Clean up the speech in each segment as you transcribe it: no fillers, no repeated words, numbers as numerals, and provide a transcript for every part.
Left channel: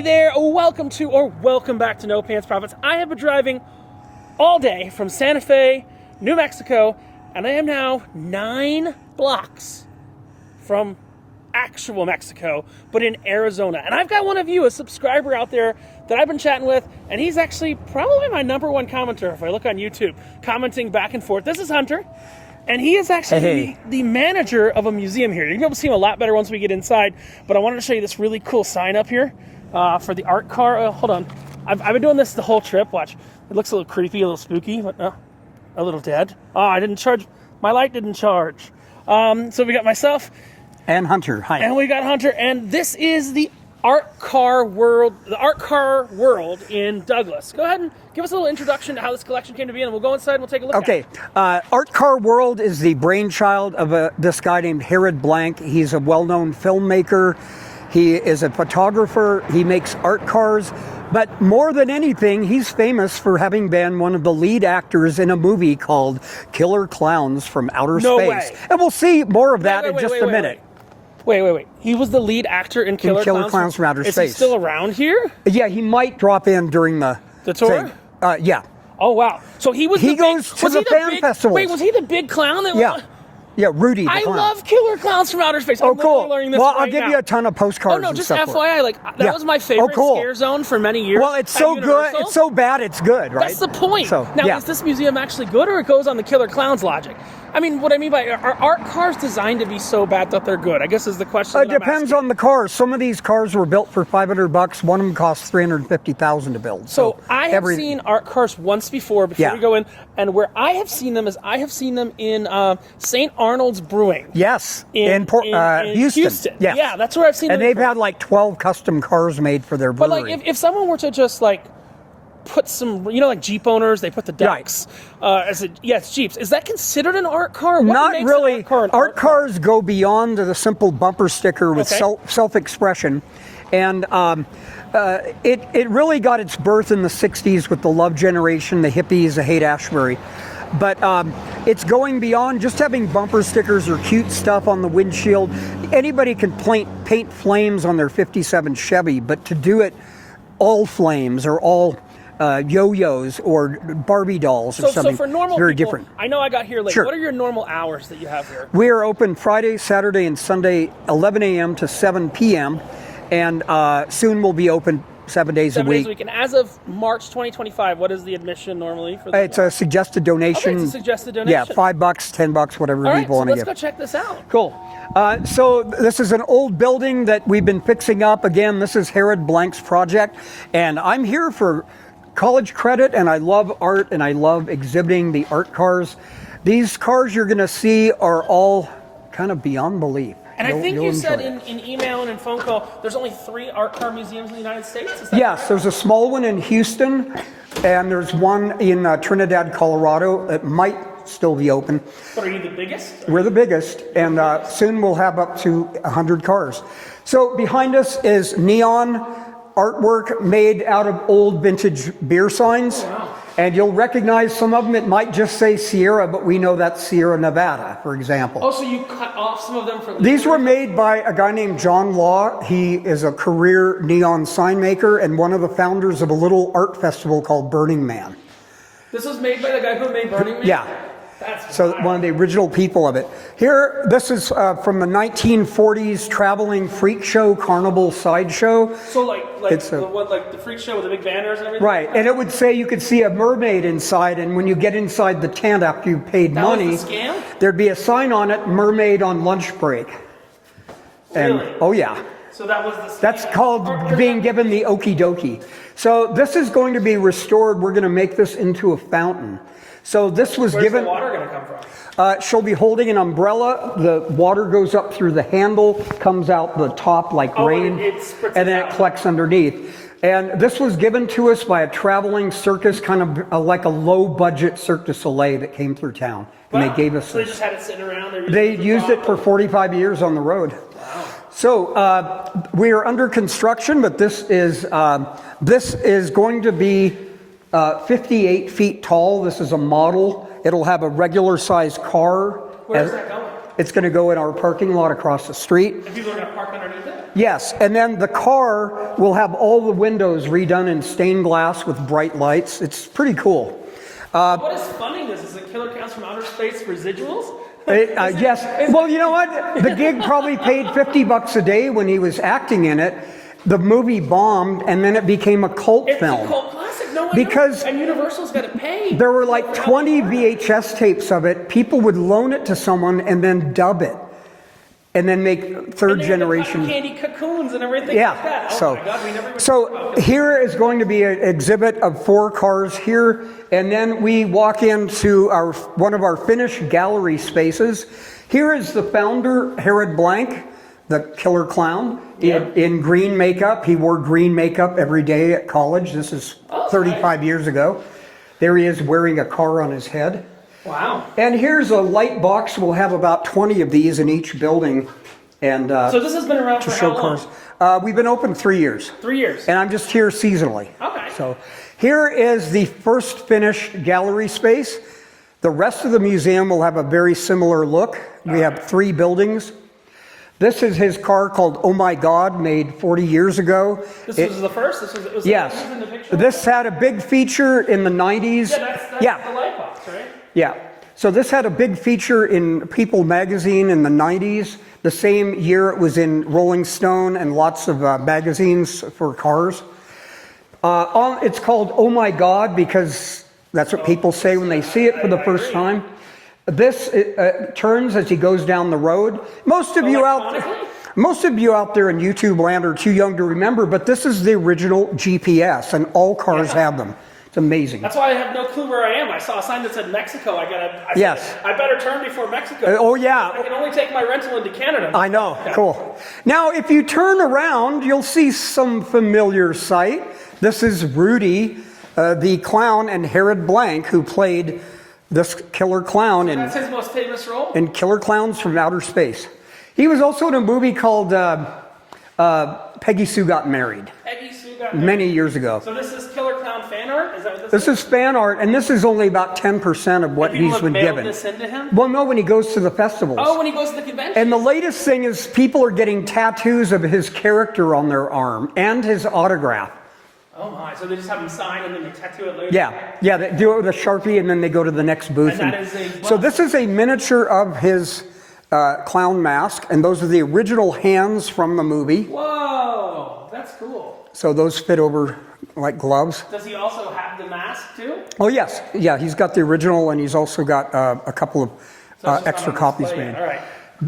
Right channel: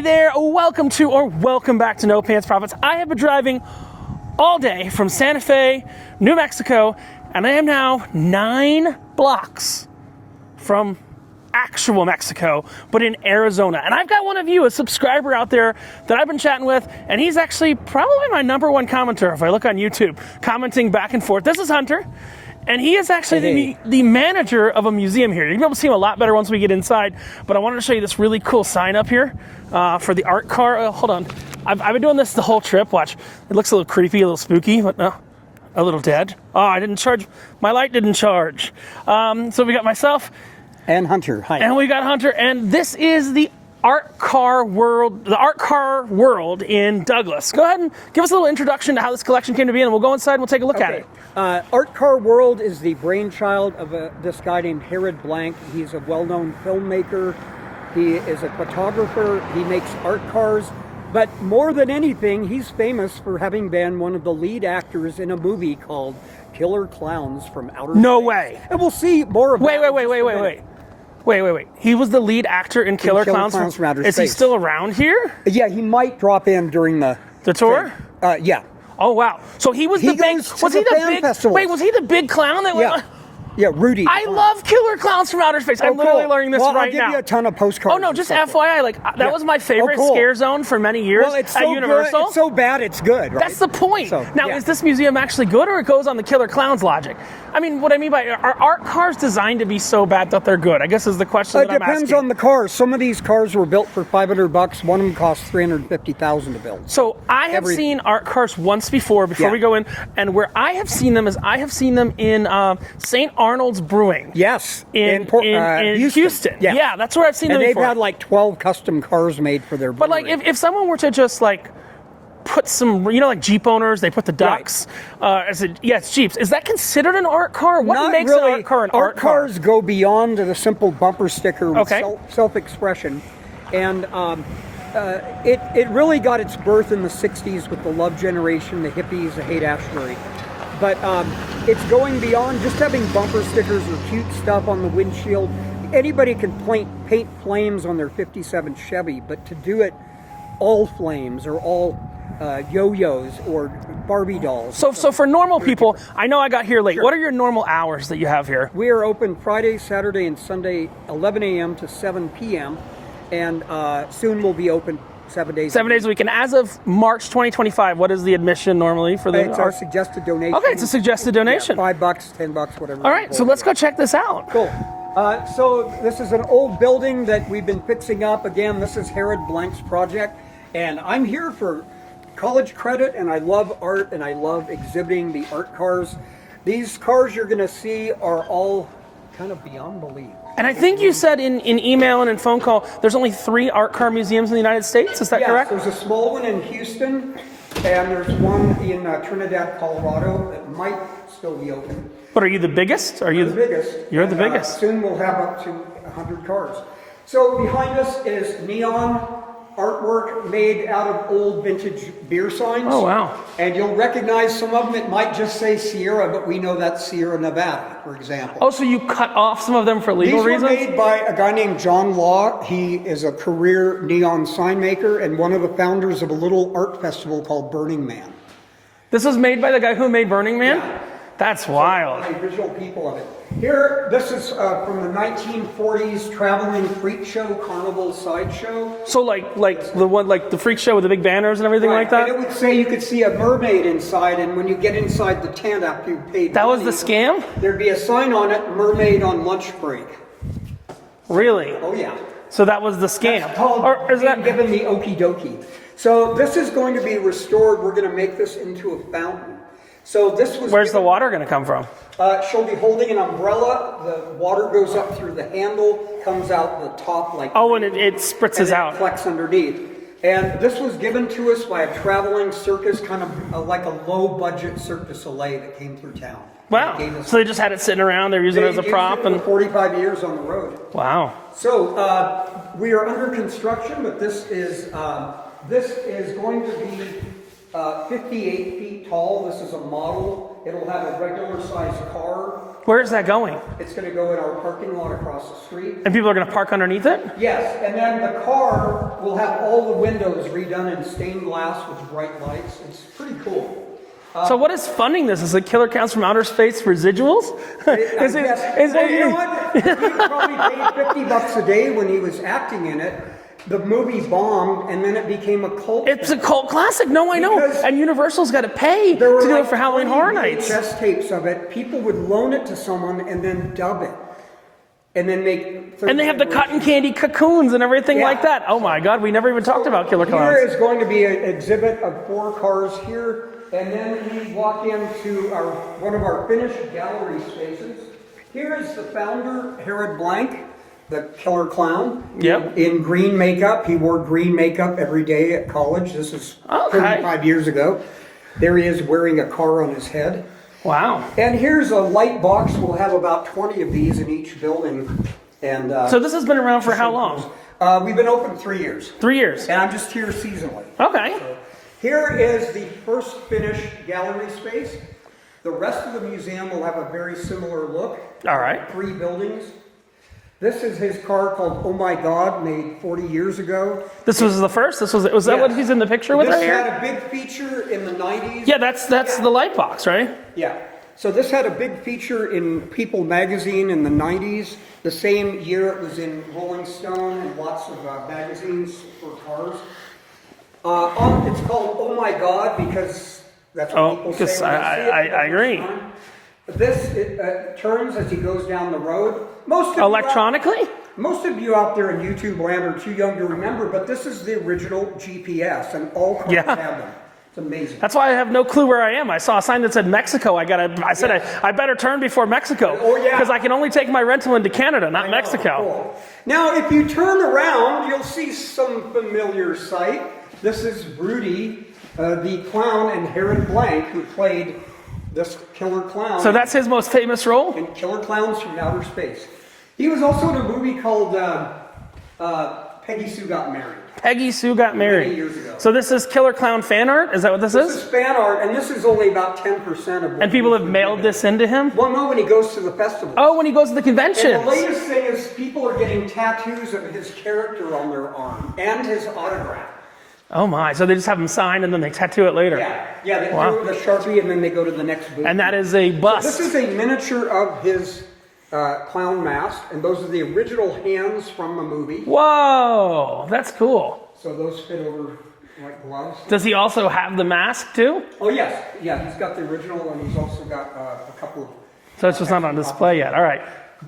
Hey there, welcome back to No Pants Profits. I have been driving all day from Santa Fe, New Mexico, and I am now 9 blocks from actual Mexico, but in Arizona. And I've got one of you, a subscriber out there that I've been chatting with, and he's actually probably my #1 commenter if I look on YouTube, commenting back and forth. This is Hunter, and he is actually the manager of a museum here. You're going to be able to see him a lot better once we get inside, but I wanted to show you this really cool sign up here for the art car. Hold on. I've been doing this the whole trip. Watch. It looks a little creepy, a little spooky, but no. A little dead. Oh, I didn't charge. My light didn't charge. So we got myself. And Hunter. Hi. And we got Hunter. And this is the art car world in Douglas. Go ahead and give us a little introduction to how this collection came to be, and we'll go inside and we'll take a look at it. Art Car World is the brainchild of this guy named Herod Blank. He's a well-known filmmaker. He is a photographer. He makes art cars. But more than anything, he's famous for having been one of the lead actors in a movie called Killer Clowns from Outer Space. No way. And we'll see more of that in just a minute. Wait. He was the lead actor in Killer Clowns from Outer Space. Is he still around here? Yeah, he might drop in during the tour? Yeah. Oh, wow. So he was he the big... goes to the fan festivals. Wait, was he the big clown that was... Yeah, Rudy. I love Killer Clowns from Outer Space. I'm literally learning this right now. Well, I'll give you a ton of postcards. Oh, no, just FYI, that was my favorite scare zone for many years. Well, it's so good. It's so bad, it's good, right? That's the point. So, now, is this museum actually good, or it goes on the Killer Clowns logic? I mean, what I mean by, are art cars designed to be so bad that they're good? I guess is the question that I'm asking. It depends on the cars. Some of these cars were built for $500. One of them costs $350,000 to build. So I have seen art cars once before we go in, and where I have seen them is in St. Arnold's Brewing. Yes, in Houston. Yes. Yeah, that's where I've seen them. And they've had like 12 custom cars made for their brewery. But like, if someone were to just like put some, like Jeep owners, they put the ducks. It's Jeeps. Is that considered an art car? What Not makes really. An art car an art cars go beyond the simple bumper sticker with self-expression, and it really got its birth in the '60s with the Love Generation, the hippies, the Haight-Ashbury. But it's going beyond just having bumper stickers or cute stuff on the windshield. Anybody can paint flames on their '57 Chevy, but to do it all flames or all yo-yos or Barbie dolls. So for normal people, different. I know I got here late. Sure. What are your normal hours that you have here? We are open Friday, Saturday, and Sunday, 11 a.m. to 7 p.m. And soon we'll be open 7 days a week. 7 days a week. And as of March 2025, what is the admission normally for the? It's a suggested donation. Okay, it's a suggested donation. Yeah, $5, $10, whatever. All right, so let's go check this out. Cool. So this is an old building that we've been fixing up. Again, this is Herod Blank's project, and I'm here for college credit, and I love art, and I love exhibiting the art cars. These cars you're going to see are all kind of beyond belief. And I think you said in email and in phone call, there's only 3 art car museums in the United States. Is that correct? Yes, there's a small one in Houston, and there's one in Trinidad, Colorado. It might still be open. But are you the biggest? We're the biggest. You're the biggest. Soon we'll have up to 100 cars. So behind us is neon artwork made out of old vintage beer signs. Oh, wow. And you'll recognize some of them. It might just say Sierra, but we know that's Sierra Nevada, for example. Oh, so you cut off some of them for legal reasons? These were made by a guy named John Law. He is a career neon sign maker and one of the founders of a little art festival called Burning Man. This was made by the guy who made Burning Man? Yeah. That's wild. So one of the original people of it. Here, this is from the 1940s traveling freak show, carnival sideshow. So like the one, like the freak show with the big banners and everything like that? And it would say you could see a mermaid inside, and when you get inside the tent after you paid money, that was the scam? There'd be a sign on it, mermaid on lunch break. Really? Oh yeah. So that was the scam. That's called being given the okie dokie. So this is going to be restored. We're going to make this into a fountain. So this was Where's the water going to come from? She'll be holding an umbrella. The water goes up through the handle, comes out the top like rain. And it spritzes and then out. It collects underneath. And this was given to us by a traveling circus, kind of like a low-budget Cirque du Soleil that came through town. Wow. And they gave us so they just had it sitting around. They're using it as a prop. They used it for 45 years on the road. Wow. So we are under construction, but this is going to be 58 feet tall. This is a model. It'll have a regular size car Where is that going? It's going to go in our parking lot across the street. And people are going to park underneath it? Yes, and then the car will have all the windows redone in stained glass with bright lights. It's pretty cool. So what is funding this? Is it Killer Clowns from Outer Space residuals? I guess. Well, you know what? The gig probably paid $50 a day when he was acting in it. The movie bombed, and then it became a cult film. It's a cult classic. No, I know. Because and Universal's got to pay. There were to do like it for 20 Halloween Horror Nights. VHS tapes of it. People would loan it to someone and then dub it. And then make third generation. And they have the cotton candy cocoons and everything like that. Oh my God, we never even talked about Killer Here Clowns. is going to be an exhibit of 4 cars here, and then we walk into one of our finished gallery spaces. Here is the founder, Herod Blank, the killer clown, in green makeup. He wore green makeup every day at college. This is 35 years ago. There he is wearing a car on his head. Wow. And here's a light box. We'll have about 20 of these in each building. And so this has been around for how long? We've been open 3 years. 3 years. And I'm just here seasonally. Okay. So here is the first finished gallery space. The rest of the museum will have a very similar look. We have 3 buildings. This is his car called Oh My God, made 40 years ago. This was the first? Was that what he's in the picture with? This had a big feature in the 90s. Yeah, that's the light box, right? Yeah. So this had a big feature in People magazine in the 90s. The same year it was in Rolling Stone and lots of magazines for cars. It's called Oh My God because that's what people say when they see it for the first time. This turns as he goes down the road. Most of you out there in YouTube land are too young to remember, but this is the original GPS, and all cars have them. It's amazing. That's why I have no clue where I am. I saw a sign that said Mexico. I said I better turn before Mexico. Oh yeah, because I can only take my rental into Canada, not Mexico. Cool. Now, if you turn around, you'll see some familiar sight. This is Rudy, the clown, and Herod Blank, who played this killer clown. So that's his most famous role? In Killer Clowns from Outer Space. He was also in a movie called Peggy Sue Got Married. Peggy Sue Got Married. Many years ago. So this is Killer Clown fan art? Is that what this is? This is fan art, and this is only about 10% of what he's been given. And people have mailed this into him? Well, no, when he goes to the festivals. Oh, when he goes to the conventions. And the latest thing is people are getting tattoos of his character on their arm and his autograph. Oh my, so they just have them signed and then they tattoo it later? Yeah, they do it with a Sharpie and then they go to the next booth. And that is a bust. So this is a miniature of his clown mask, and those are the original hands from the movie. Whoa, that's cool. So those fit over like gloves. Does he also have the mask too? Oh yes, yeah, he's got the original and he's also got a couple of so it's just extra not on copies. Display yet. All right.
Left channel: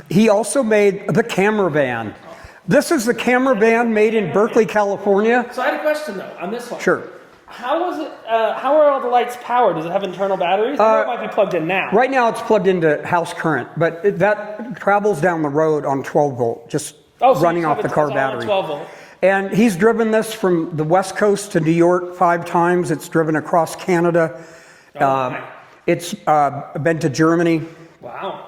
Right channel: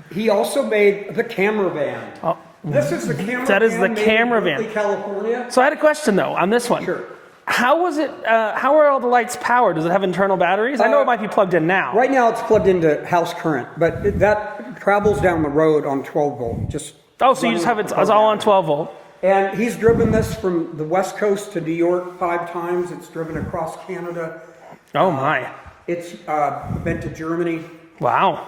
He also made the camera van. Oh. This is the camera van made in Berkeley, California. So I had a question though on this one. Sure. How was it? How are all the lights powered? Does it have internal batteries? I know it might be plugged in now. Right now, it's plugged into house current, but that travels down the road on 12 volt. Just so you just have it all on 12 volt. And he's driven this from the West Coast to New York 5 times. It's driven across Canada. Oh my! It's been to Germany. Wow.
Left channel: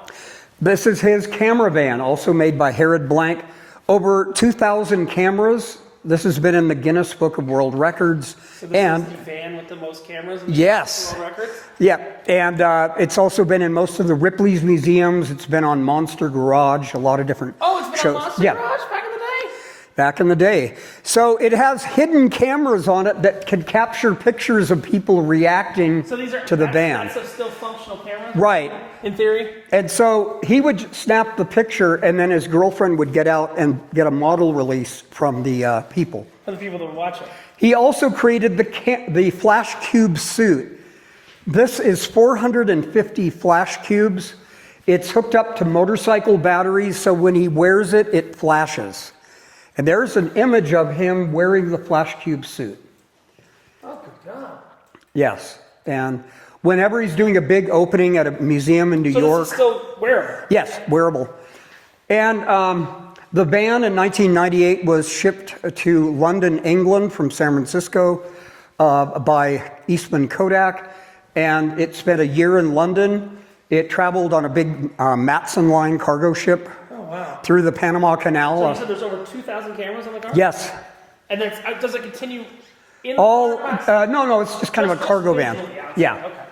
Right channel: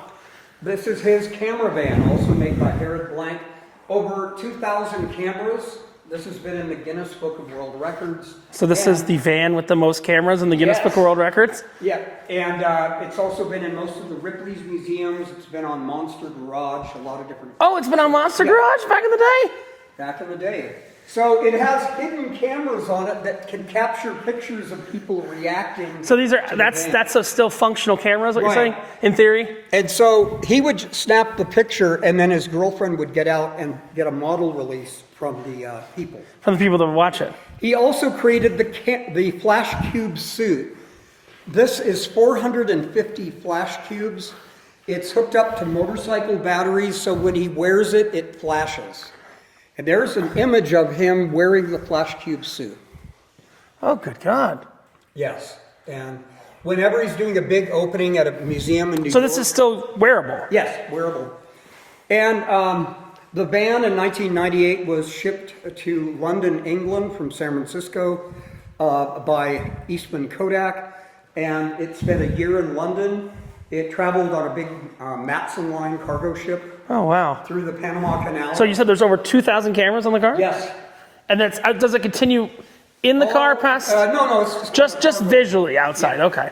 This is his camera van, also made by Herod Blank. Over 2,000 cameras. This has been in the Guinness Book of World Records. So this is the van with the most cameras in the Guinness Book of World Records? Yeah, and it's also been in most of the Ripley's museums. It's been on Monster Garage, a lot of different it's been shows. on Monster Garage back in the day? Back in the day. So it has hidden cameras on it that can capture pictures of people reacting to the van. That's still functional cameras, what you're saying, in theory? And so he would snap the picture, and then his girlfriend would get out and get a model release from the people. From the people that would watch it. He also created the flash cube suit. This is 450 flash cubes. It's hooked up to motorcycle batteries, so when he wears it, it flashes. And there's an image of him wearing the flash cube suit. Oh, good God. Yes. And whenever he's doing a big opening at a museum in New York. So this is still wearable? Yes, wearable. And the van in 1998 was shipped to London, England from San Francisco by Eastman Kodak. And it spent a year in London. It traveled on a big Matson Line cargo ship. Oh, wow. Through the Panama Canal. So you said there's over 2,000 cameras on the car? Yes. And does it continue in the car past? No, it's just kind of a cargo visually van. outside, yeah. Okay.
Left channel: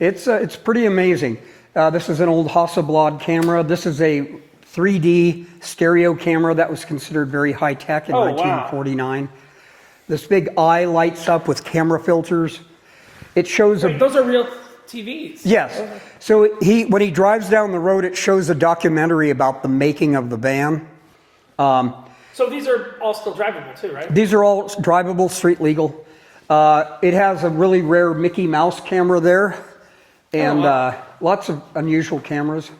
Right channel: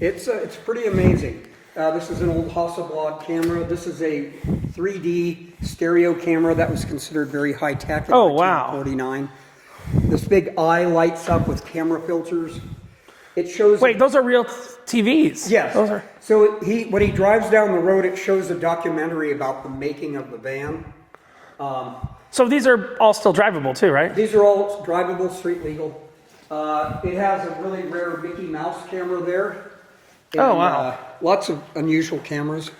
It's pretty amazing. This is an old Hasselblad camera. This is a 3D stereo camera that was considered very high tech in 1949. Wow. This big eye lights up with camera filters. It shows. Wait, those are real TVs? Yes. So when he drives down the road, it shows a documentary about the making of the van. So these are all still drivable too, right? These are all drivable, street legal. It has a really rare Mickey Mouse camera there, and lots of unusual cameras.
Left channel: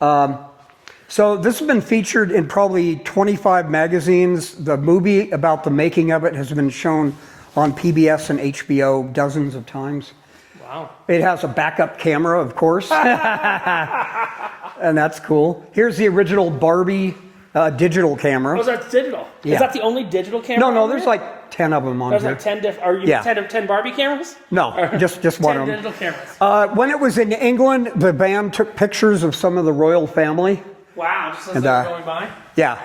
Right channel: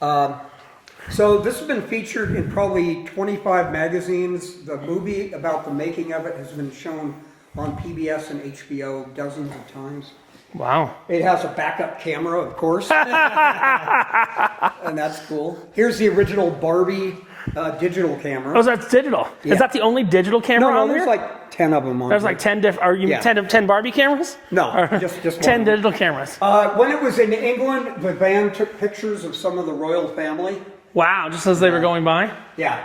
So this has been featured in probably 25 magazines. The movie about the making of it has been shown on PBS and HBO dozens of times. Wow. It has a backup camera, of course. And that's cool. Here's the original Barbie digital camera. Oh, so that's digital. Yeah. Is that the only digital camera on there's there? like 10 of them on There's here. like 10 different, are you 10 Barbie cameras? No, just 10 digital cameras. When it was in England, the band took pictures of some of the royal family. Wow, just as they were going by? Yeah.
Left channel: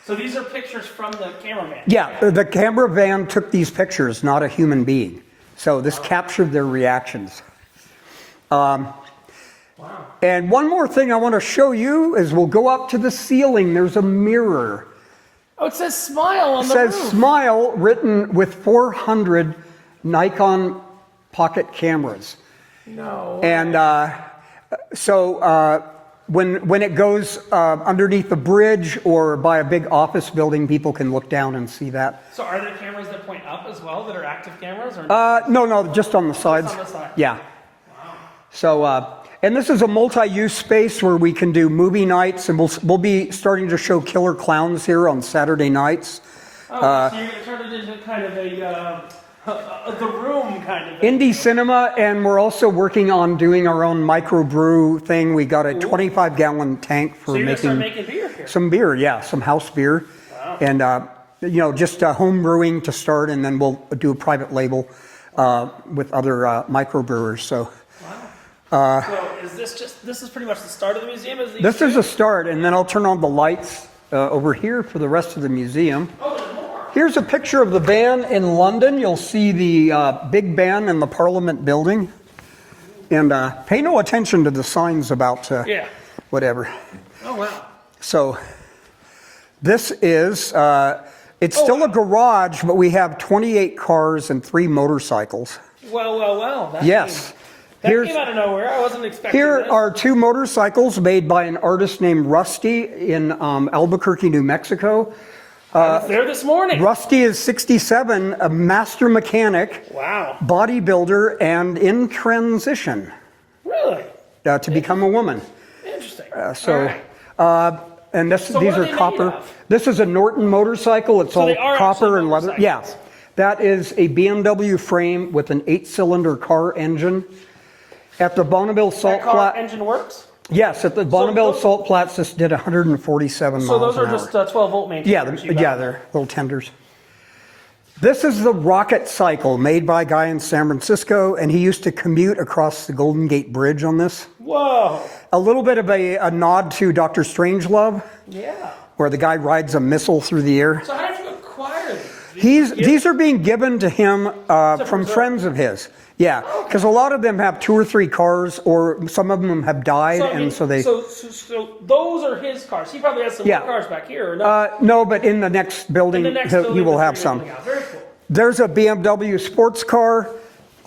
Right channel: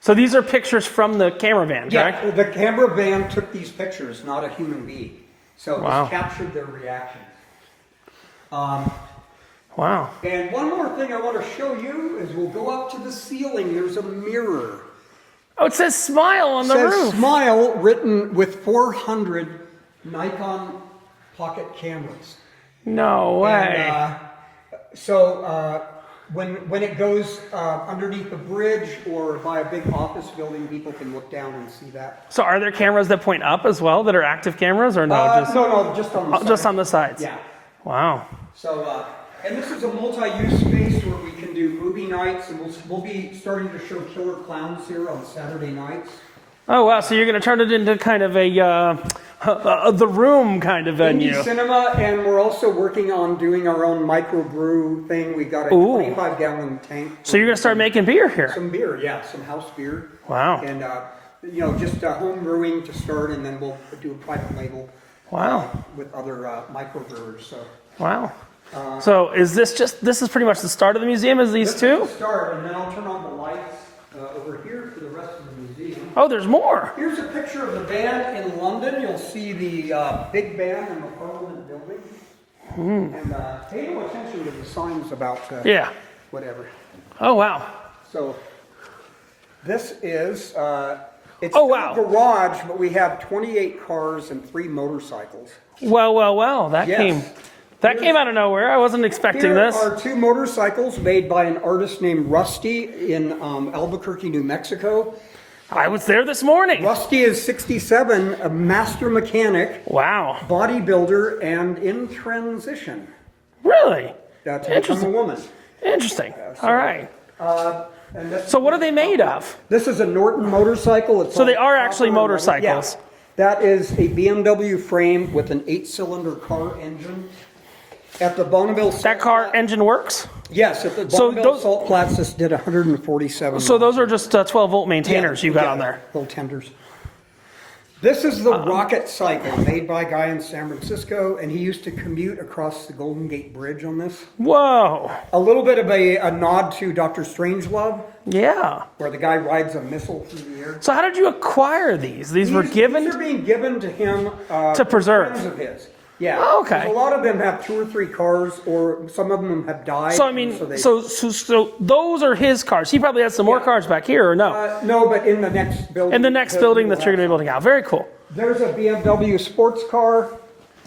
So these are pictures from the camera van, Yeah, correct? the camera van took these pictures, not a human being. So this captured their reactions. Wow. And one more thing I want to show you is we'll go up to the ceiling. There's a mirror. Oh, it says smile on the roof. It says smile written with 400 Nikon pocket cameras. No way. And so when it goes underneath the bridge or by a big office building, people can look down and see that. So are there cameras that point up as well that are active cameras or no? No, just on the sides. Just on the sides? Yeah. Wow. So, and this is a multi-use space where we can do movie nights, and we'll be starting to show Killer Clowns here on Saturday nights. Oh, wow. So you're going to turn it into kind of the room kind of venue. Indie cinema, and we're also working on doing our own microbrew thing. We got a 25-gallon tank. So you're going to start making beer here? Some beer, yeah, some house beer. Wow. And, just home brewing to start, and then we'll do a private label with other microbrewers. So. Wow. So is this is pretty much the start of the museum? This is the start, and then I'll turn on the lights over here for the rest of the museum. Oh, there's more. Here's a picture of the van in London. You'll see the big ban in the Parliament building. And pay no attention to the signs about whatever. Oh, wow. So this is, it's still a garage, but we have 28 cars and 3 motorcycles. Well. That came out of nowhere. I wasn't expecting Here this. are 2 motorcycles made by an artist named Rusty in Albuquerque, New Mexico. I was there this morning. Rusty is 67, a master mechanic. Wow. Bodybuilder, and in transition. Really? To become a woman. Interesting. All right. And so these what are they made of? This is a Norton motorcycle. It's so they are actually motorcycles. Yeah. That is a BMW frame with an 8-cylinder car engine. At the Bonneville Salt That car engine works? Yes, at the Bonneville Salt Flats, this did 147 miles. So those are just 12-volt maintainers you got there? Little tenders. This is the rocket cycle made by a guy in San Francisco, and he used to commute across the Golden Gate Bridge on this. Whoa. A little bit of a nod to Dr. Strangelove. Yeah. Where the guy rides a missile through the air. So how did you acquire these? These are being given to him from friends of his. Yeah, because a lot of them have 2 or 3 cars, or some of them have died. So those are his cars. He probably has some more cars back here, or no? No, but in the next building. In the next building that you're going to be building out. Very cool. There's a BMW sports car,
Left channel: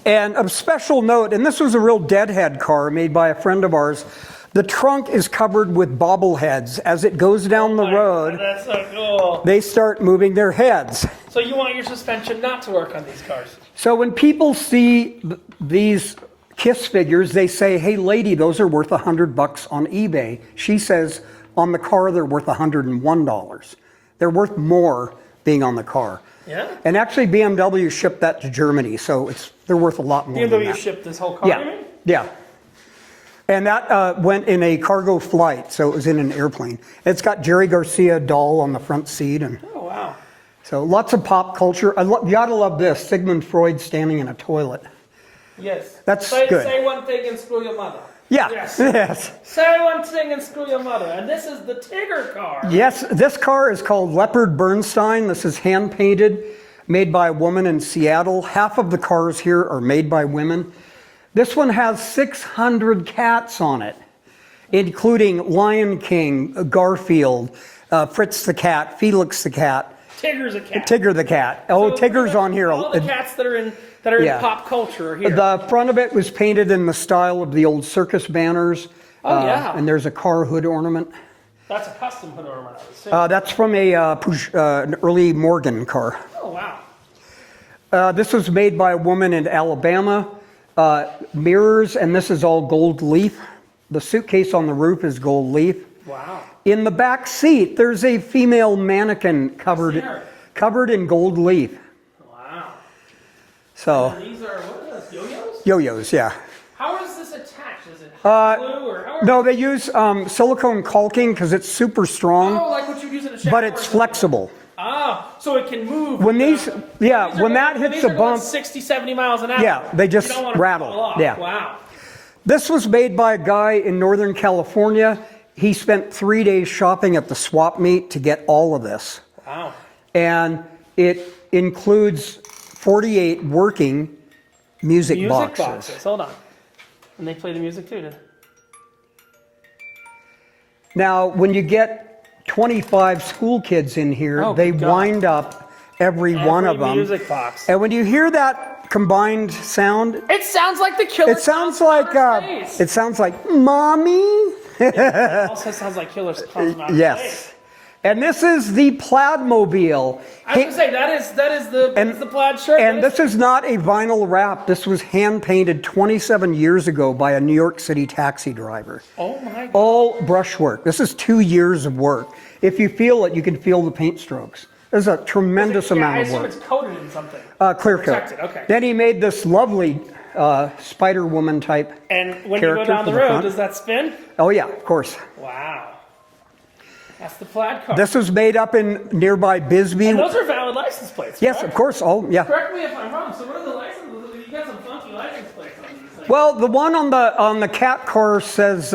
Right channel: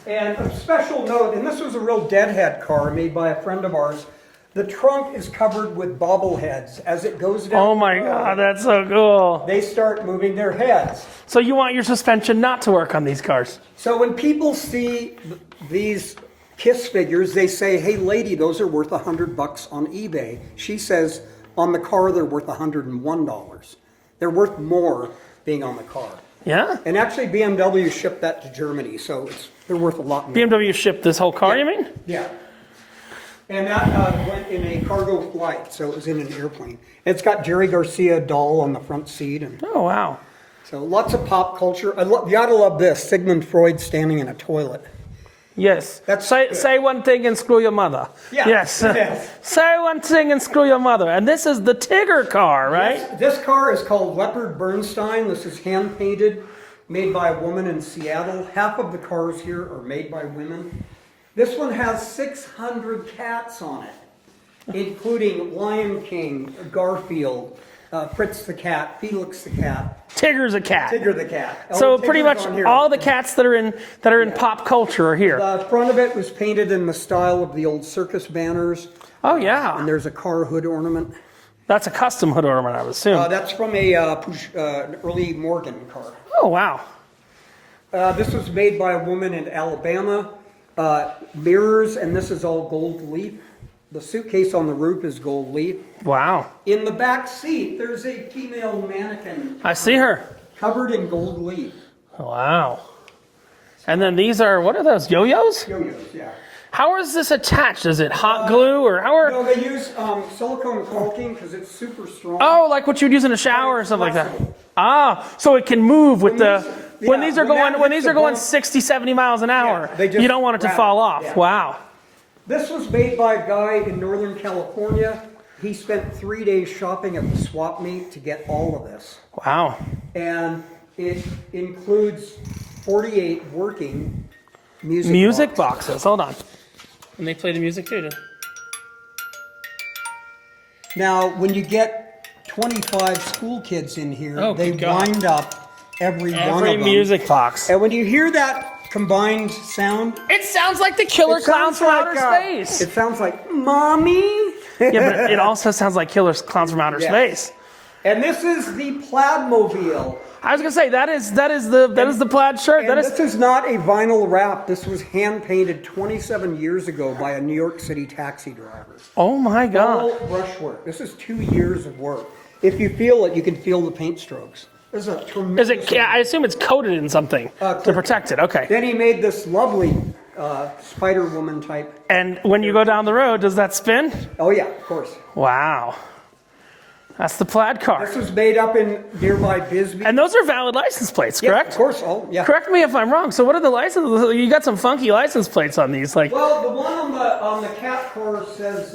and a special note, and this was a real deadhead car made by a friend of ours. The trunk is covered with bobbleheads. As it goes down the road, oh my God, that's so cool. They start moving their heads. So you want your suspension not to work on these cars? So when people see these Kiss figures, they say, "Hey, lady, those are worth $100 on eBay." She says, on the car, they're worth $101. They're worth more being on the car. Yeah. And actually, BMW shipped that to Germany, so they're worth a lot more. BMW shipped this whole car, you mean? Yeah. And that went in a cargo flight, so it was in an airplane. It's got Jerry Garcia doll on the front seat. Oh, wow. So lots of pop culture. You gotta love this, Sigmund Freud standing in a toilet. Yes. That's good. Say one thing and screw your mother. Yeah. Yes. Say one thing and screw your mother. And this is the Tigger car, right? Yes, this car is called Leopard Bernstein. This is hand-painted, made by a woman in Seattle. Half of the cars here are made by women. This one has 600 cats on it, including Lion King, Garfield, Fritz the cat, Felix the cat. Tigger's a cat. Tigger the cat. So Tigger's pretty much on here. all the cats that are in pop culture are here. The front of it was painted in the style of the old circus banners. Oh, yeah. And there's a car hood ornament. That's a custom hood ornament, I would assume. That's from an early Morgan car. Oh, wow. This was made by a woman in Alabama. Mirrors, and this is all gold leaf. The suitcase on the roof is gold leaf. Wow. In the back seat, there's a female mannequin covered in gold leaf. Wow. So, and then these are, what are those, yo-yos? Yo-yos, yeah. How is this attached? Is it hot glue or how are... No, they use silicone caulking because it's super strong. Oh, like what you'd use in a shower but it's or something flexible. Like that. Ah, so it can move with when these are going 60, 70 miles an hour. You don't want it to fall off. Yeah. Wow. This was made by a guy in Northern California. He spent 3 days shopping at the swap meet to get all of this. Wow. And it includes 48 working music boxes. Hold on. And they play the music too. Now, when you get 25 school kids in here, they wind up every one of them. music box. And when you hear that combined sound, it sounds like the Killer Clowns from Outer Space. It sounds like Mommy. Yeah, but it also sounds like Killer Clowns from Outer Space. And this is the Plaidmobile. I was gonna say that is the plaid shirt. And this is not a vinyl wrap. This was hand painted 27 years ago by a New York City taxi driver. Oh my God! All brushwork. This is 2 years of work. If you feel it, you can feel the paint strokes. There's a tremendous amount of work. I assume it's coated in something to protect it. Okay. Then he made this lovely Spider Woman type. And when you go down the road, does that spin? Oh yeah, of course. Wow. That's the Plaid Car. This was made up in nearby Bisbee. And those are valid license plates, correct? Yes, of course. Oh, yeah. Correct me if I'm wrong. So what are the license? You got some funky license plates on these, like. Well, the one on the cat car says,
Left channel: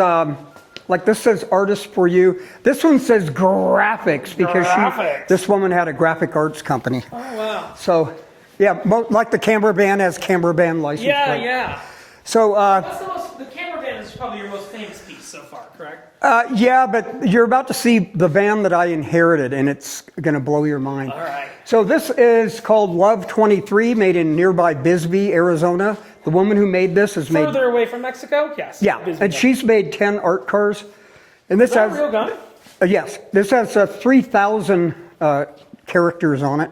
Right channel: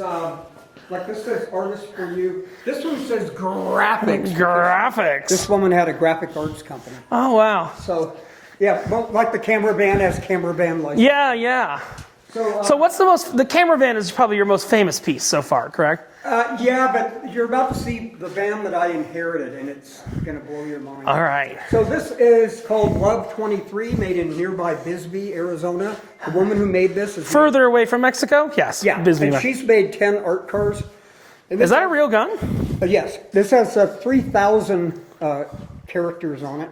like this says "Artist for You." This one says "Graphics" because this woman had a graphic arts company. Oh wow. So, yeah, like the camera band has camera band license. Yeah, plate. yeah. So what's the camera van is probably your most famous piece so far, correct? Yeah, but you're about to see the van that I inherited, and it's going to blow your mind. All right. So this is called Love 23, made in nearby Bisbee, Arizona. The woman who made this is further away from Mexico. Yes. Yeah, Bisbee. And she's made 10 art cars. And this is that a real gun? Yes. This has 3,000 characters on it.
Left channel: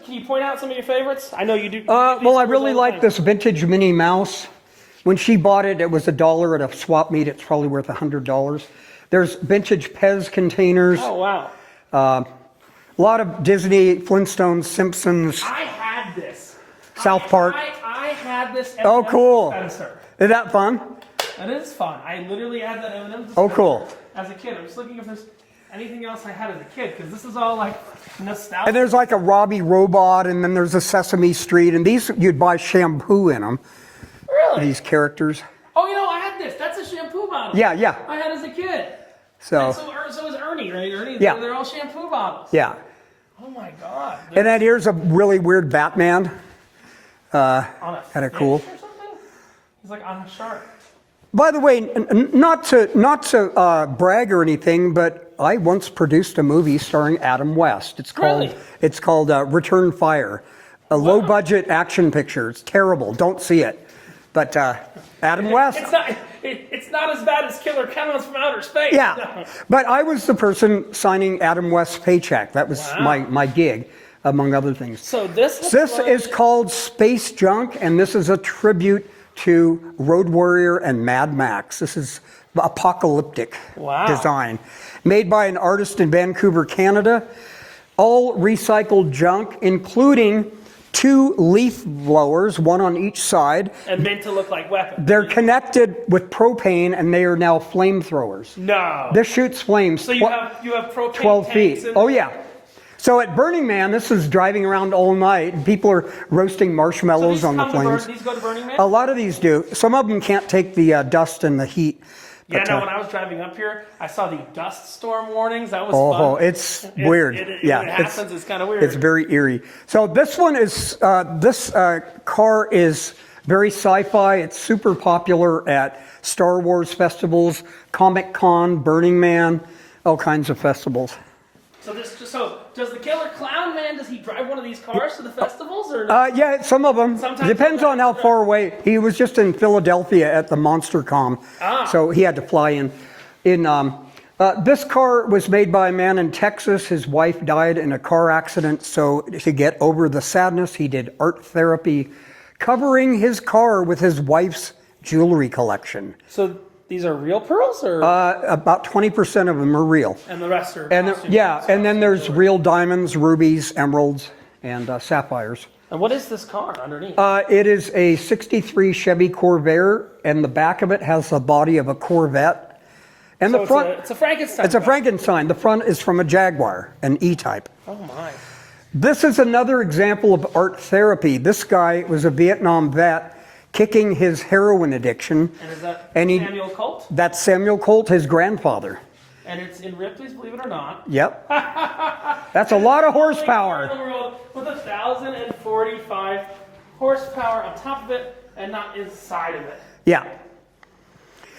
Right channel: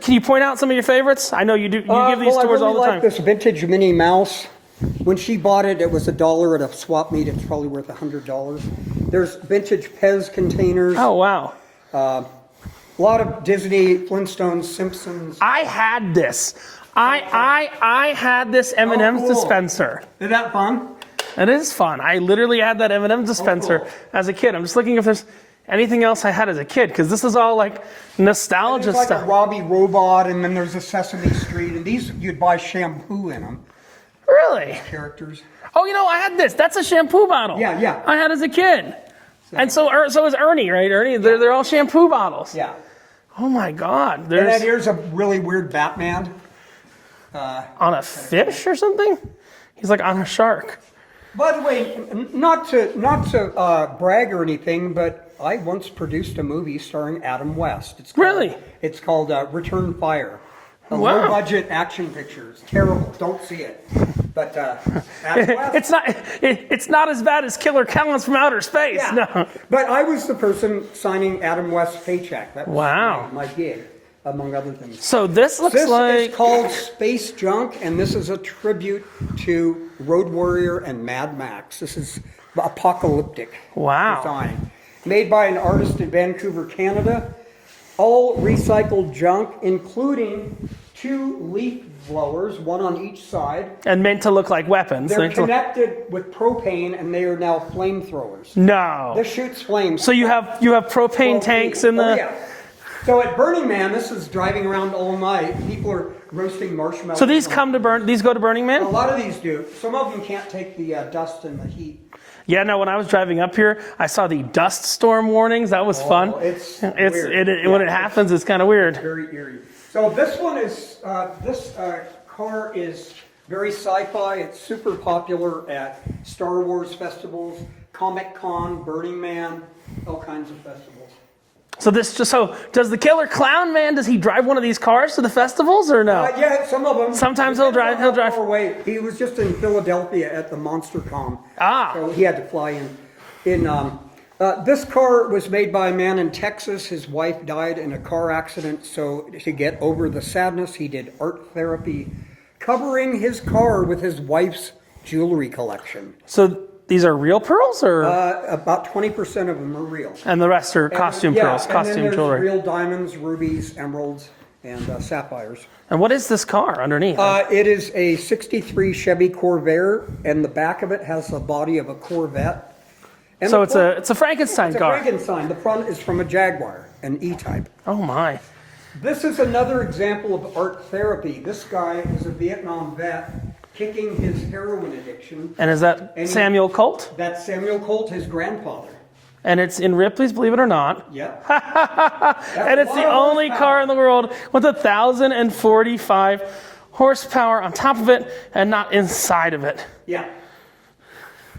Can you point out some of your favorites? I know you do. You give these well, I tours really all the like time. this vintage Minnie Mouse. When she bought it, it was $1 at a swap meet. It's probably worth $100. There's vintage Pez containers. Oh, wow. A lot of Disney, Flintstones, Simpsons. I had this. South Park. I had this M&M's dispenser. Is that fun? It is fun. I literally had that M&M's dispenser as a kid. I'm just looking if there's anything else I had as a kid, because this is all like nostalgia And there's like stuff. a Robbie Robot, and then there's a Sesame Street, and these you'd buy shampoo in them. Really? These characters. Oh, I had this. That's a shampoo bottle. Yeah, yeah. I had as a kid. And so is Ernie, right? Ernie, they're all shampoo bottles. Yeah. Oh my God. And then here's a really weird Batman. On a fish or something? He's like on a shark. By the way, not to brag or anything, but I once produced a movie starring Adam West. It's called Return Fire. A low-budget action picture. It's terrible. Don't see it. But Adam West. It's not as bad as Killer Clowns from Outer Space. Yeah. No. But I was the person signing Adam West's paycheck. That was my gig, among other things. So this looks is called Space Junk, and this is a tribute to Road Warrior and Mad Max. This is apocalyptic design. Made by an artist in Vancouver, Canada. All recycled junk, including 2 leaf blowers, one on each side. And meant to look like weapons. They're connected with propane, and they are now flamethrowers. No. This shoots flames. So you have propane tanks in the... Oh, yeah. So at Burning Man, this is driving around all night. People are roasting marshmallows on the flames. These go to Burning Man? A lot of these do. Some of them can't take the dust and the heat. Yeah, when I was driving up here, I saw the dust storm warnings. That was fun. Oh, it's weird. When it happens, it's kind of weird. It's very eerie. So this one is, this car is Very sci-fi. It's super popular at Star Wars festivals, Comic-Con, Burning Man, all kinds of festivals. So does the Killer Clown Man, does he drive one of these cars to the festivals or no? Yeah, some of them. Sometimes depends he'll on how drive. far away. He was just in Philadelphia at the MonsterCon, so he had to fly in. This car was made by a man in Texas. His wife died in a car accident, so to get over the sadness, he did art therapy, covering his car with his wife's jewelry collection. So these are real pearls, or about 20% of them are real, and the rest are costume yeah, pearls? and then there's jewelry. real diamonds, rubies, emeralds, and sapphires. And what is this car underneath? It is a '63 Chevy Corvair, and the back of it has the body of a Corvette. And so it's a Frankenstein car. It's a Frankenstein. The front is from a Jaguar, an E-Type. Oh my! This is another example of art therapy. This guy was a Vietnam vet, kicking his heroin addiction. And is that Samuel Colt? That's Samuel Colt, his grandfather. And it's in Ripley's, believe it or not. Yep. That's and a lot of horsepower. it's the only car in the world with 1,045 horsepower on top of it and not inside of it. Yeah.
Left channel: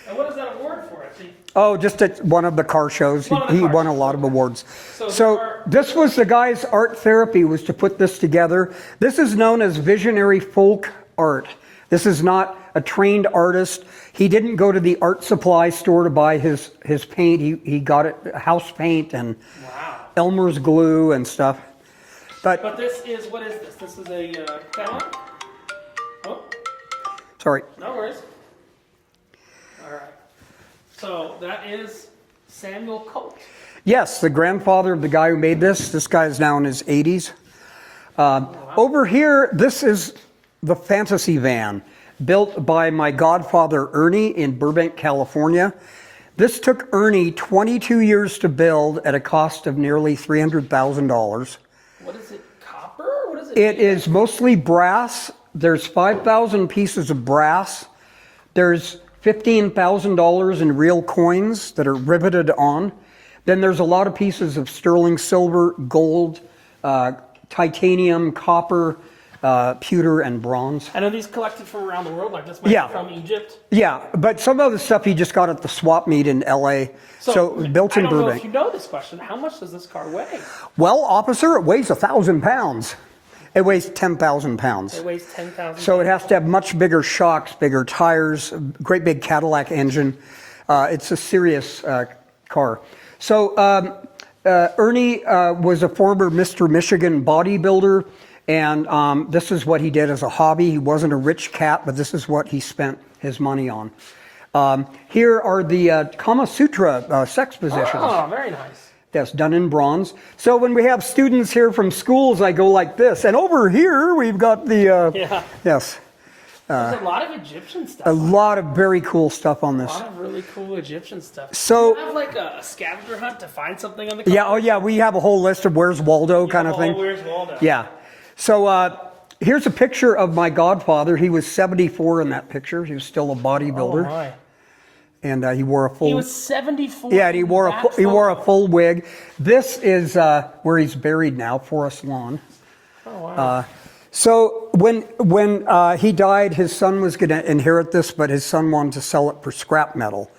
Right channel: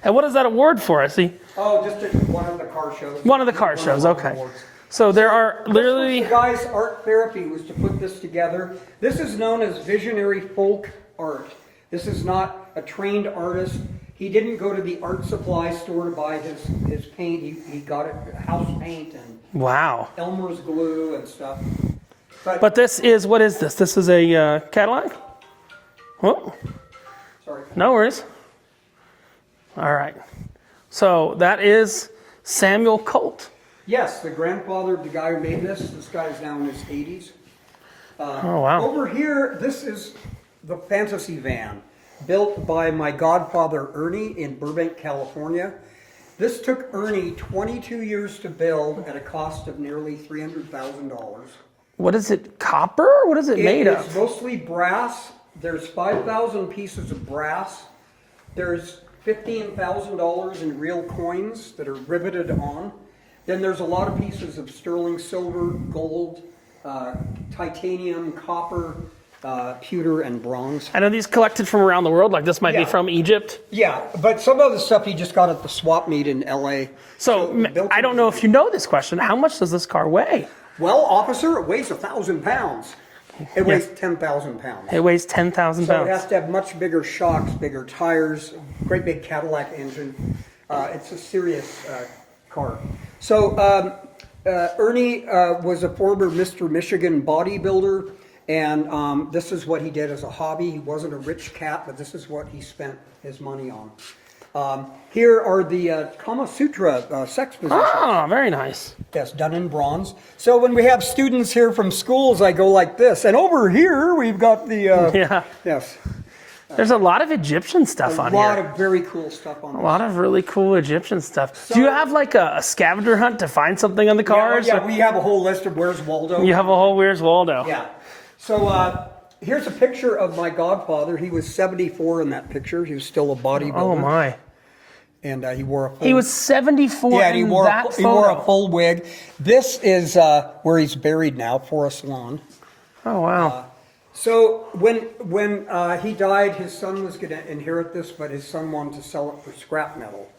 And what is that award for? I see. Oh, just at one of the car shows. One of the car shows. He won a lot okay. of awards. So there are This was the guy's art therapy, was to put this together. This is known as visionary folk art. This is not a trained artist. He didn't go to the art supply store to buy his paint. He got it house paint and wow, Elmer's glue and stuff. But this is, what is this? This is a Cadillac? Whoa. Sorry. No worries. All right. So that is Samuel Colt. Yes, the grandfather of the guy who made this. This guy is now in his 80s. Oh, wow. Over here, this is the fantasy van built by my godfather Ernie in Burbank, California. This took Ernie 22 years to build at a cost of nearly $300,000. What is it, copper? What is it made It of? is mostly brass. There's 5,000 pieces of brass. There's $15,000 in real coins that are riveted on. Then there's a lot of pieces of sterling silver, gold, titanium, copper, pewter, and bronze. And are these collected from around the world? Like this might be from Egypt? Yeah, but some of the stuff he just got at the swap meet in LA. So built I in don't know Burbank. if you know this question. How much does this car weigh? Well, officer, it weighs 1,000 pounds. It weighs 10,000 pounds. It weighs 10,000 pounds. So it has to have much bigger shocks, bigger tires, great big Cadillac engine. It's a serious car. So Ernie was a former Mr. Michigan bodybuilder, and this is what he did as a hobby. He wasn't a rich cat, but this is what he spent his money on. Here are the Kama Sutra sex positions. Oh, very nice. Yes, done in bronze. So when we have students here from schools, I go like this. And over here, we've got the... Yes. There's a lot of Egyptian stuff on A here. lot of very cool stuff on this. A lot of really cool Egyptian stuff. So- do you have like a scavenger hunt to find something on the car? Yeah, we have a whole list of Where's Waldo You kind have a of whole thing. Where's Waldo. Yeah. So here's a picture of my godfather. He was 74 in that picture. He was still a bodybuilder. Oh my. And he wore a full... He was 74 Yeah, in he wore that he wore a photo. full wig. This is where he's buried now, Forest Lawn. Oh wow. So when he died, his son was going to inherit this, but his son wanted to sell it for scrap metal.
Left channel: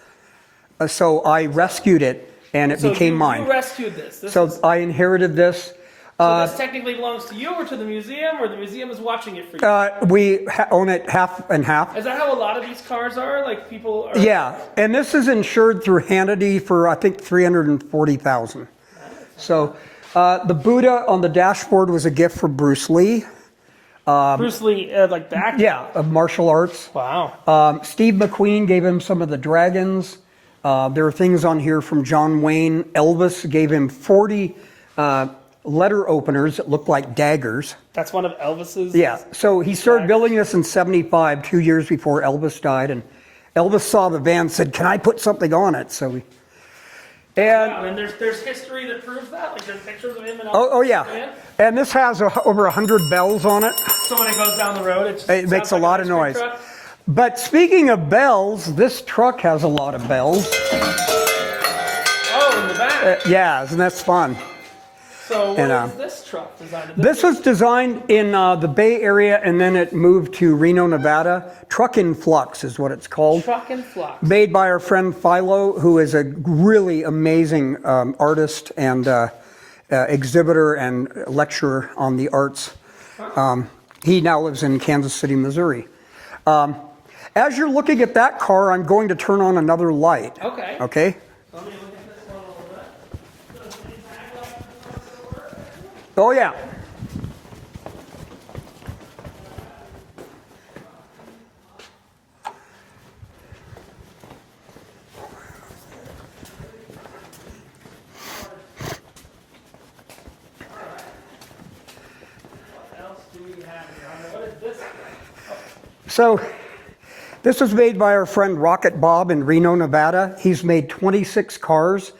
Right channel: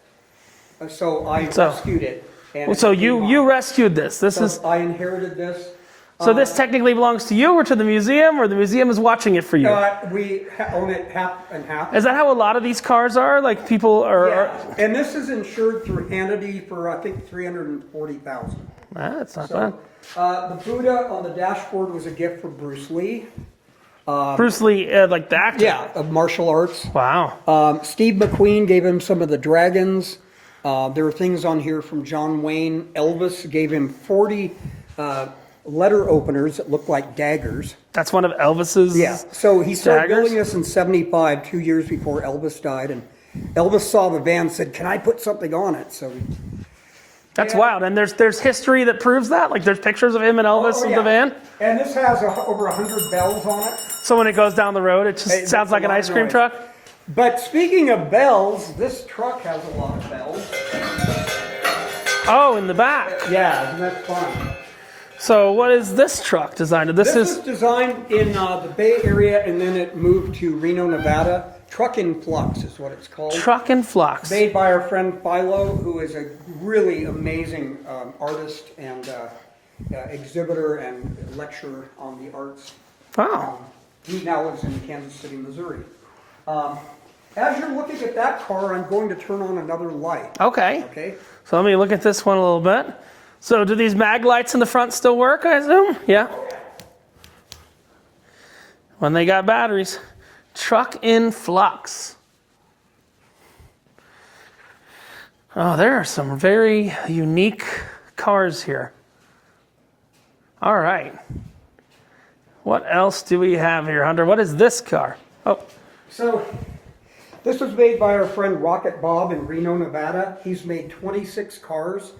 So I rescued it, and it became mine. You rescued this. So I inherited this. So this technically belongs to you or to the museum, or the museum is watching it for you? We own it half and half. Is that how a lot of these cars are? Like people are... Yeah, and this is insured through Hannity for, I think, $340,000. That's not So the Buddha on the dashboard was a gift from Bruce Lee. Bruce Lee, like the actor? Yeah, of martial arts. Wow. Steve McQueen gave him some of the dragons. There are things on here from John Wayne. Elvis gave him 40 letter openers that look like daggers. That's one of Elvis's... Yeah, so he started daggers? building this in '75, 2 years before Elvis died, and Elvis saw the van and said, "Can I put something on it?" So That's wild. And there's history that proves that? Like there's pictures of him and Elvis in the van? And this has over 100 bells on it. So when it goes down the road, it just sounds like an ice cream truck? But speaking of bells, this truck has a lot of bells. Oh, in the back. Yeah, isn't that fun? So what is this truck designed? This was designed in the Bay Area, and then it moved to Reno, Nevada. Truck in Flux is what it's called. Truck in Flux. Made by our friend Philo, who is a really amazing artist and exhibitor and lecturer on the arts. Wow. He now lives in Kansas City, Missouri. As you're looking at that car, I'm going to turn on another light. Okay. Okay? So let me look at this one a little bit. So do these mag lights in the front still work, I assume? Yeah. Oh, yeah. When they got batteries. Truck in Flux. Oh, there are some very unique cars here. All right. What else do we have here, Hunter? What is this car? Oh. So this was made by our friend Rocket Bob in Reno, Nevada. He's made 26 cars.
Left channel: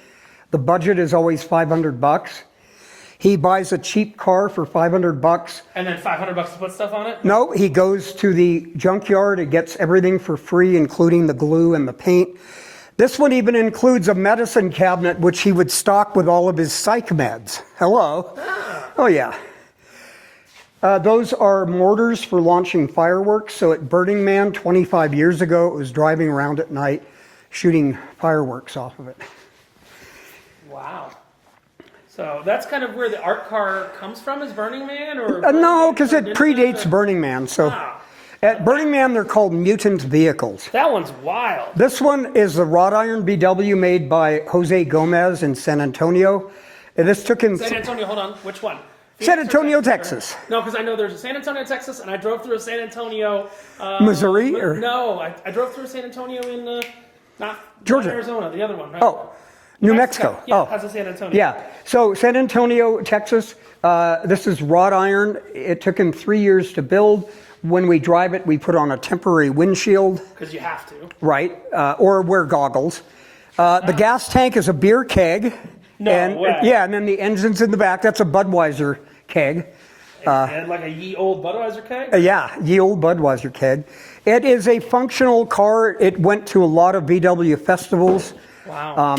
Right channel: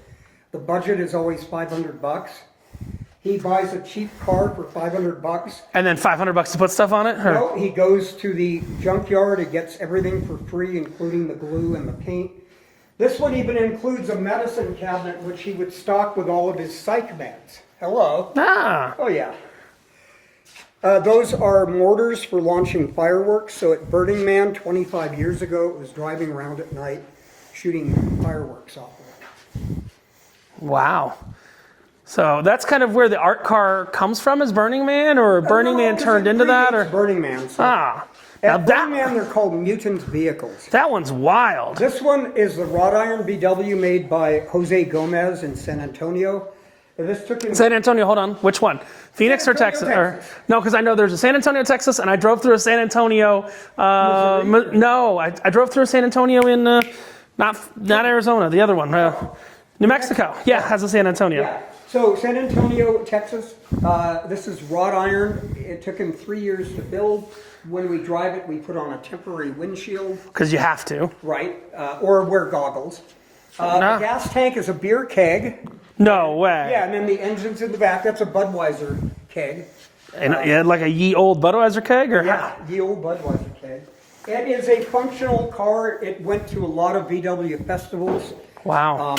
The budget is always $500. He buys a cheap car for $500. And then $500 to put stuff on it? No, he goes to the junkyard. He gets everything for free, including the glue and the paint. This one even includes a medicine cabinet, which he would stock with all of his psych meds. Hello. Ah. Oh, yeah. Those are mortars for launching fireworks. So at Burning Man 25 years ago, it was driving around at night shooting fireworks off of it. Wow. So that's kind of where the art car comes from, is Burning Man, or Burning Man turned into that? No, because it predates or? Burning Man. So Ah. at Burning Man, they're called mutant vehicles. That one's wild. This one is the wrought iron BW made by Jose Gomez in San Antonio. And this took him... San Antonio, hold on. Which one? Phoenix San Antonio, or Texas. No, because I know there's a San Antonio, Texas, and I drove through a San Antonio... Missouri? No, I drove through a San Antonio in... not Arizona, the other one. New Mexico. Yeah, it has a San Antonio. Yeah. So San Antonio, Texas, this is wrought iron. It took him 3 years to build. When we drive it, we put on a temporary windshield. Because you have to. Right. Or wear goggles. The gas tank is a beer keg. No way. Yeah, and then the engine's in the back. That's a Budweiser keg. And like a ye old Budweiser keg? Or Yeah, ye old Budweiser keg. It is a functional car. It went to a lot of VW festivals. Wow.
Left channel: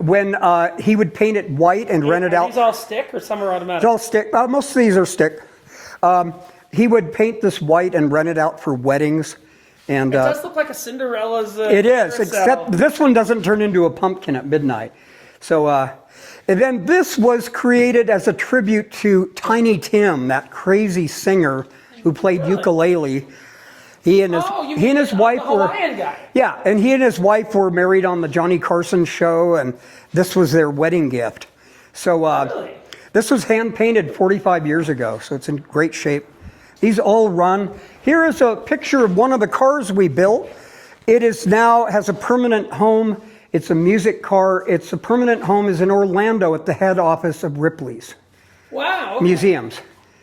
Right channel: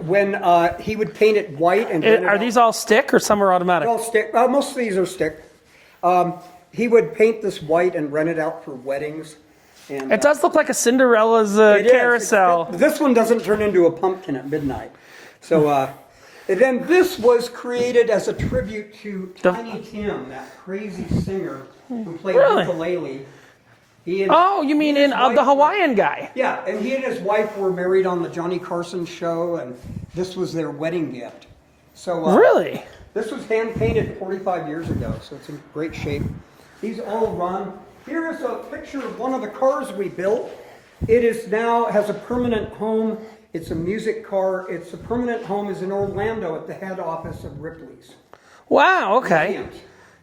When he would paint it white and rent it out. Are these all stick or some are automatic? It's all stick. Most of these are stick. He would paint this white and rent it out for weddings. And it does look like a Cinderella's it carousel. is, except this one doesn't turn into a pumpkin at midnight. So, and then this was created as a tribute to Tiny Tim, that crazy singer who played ukulele. He and his, you mean his the wife Hawaiian guy? Yeah, and he and his wife were married on the Johnny Carson show, and this was their wedding gift. So really? This was hand painted 45 years ago, so it's in great shape. These all run. Here is a picture of one of the cars we built. It is now has a permanent home. It's a music car. Its permanent home is in Orlando at the head office of Ripley's. Wow. Okay. Museums.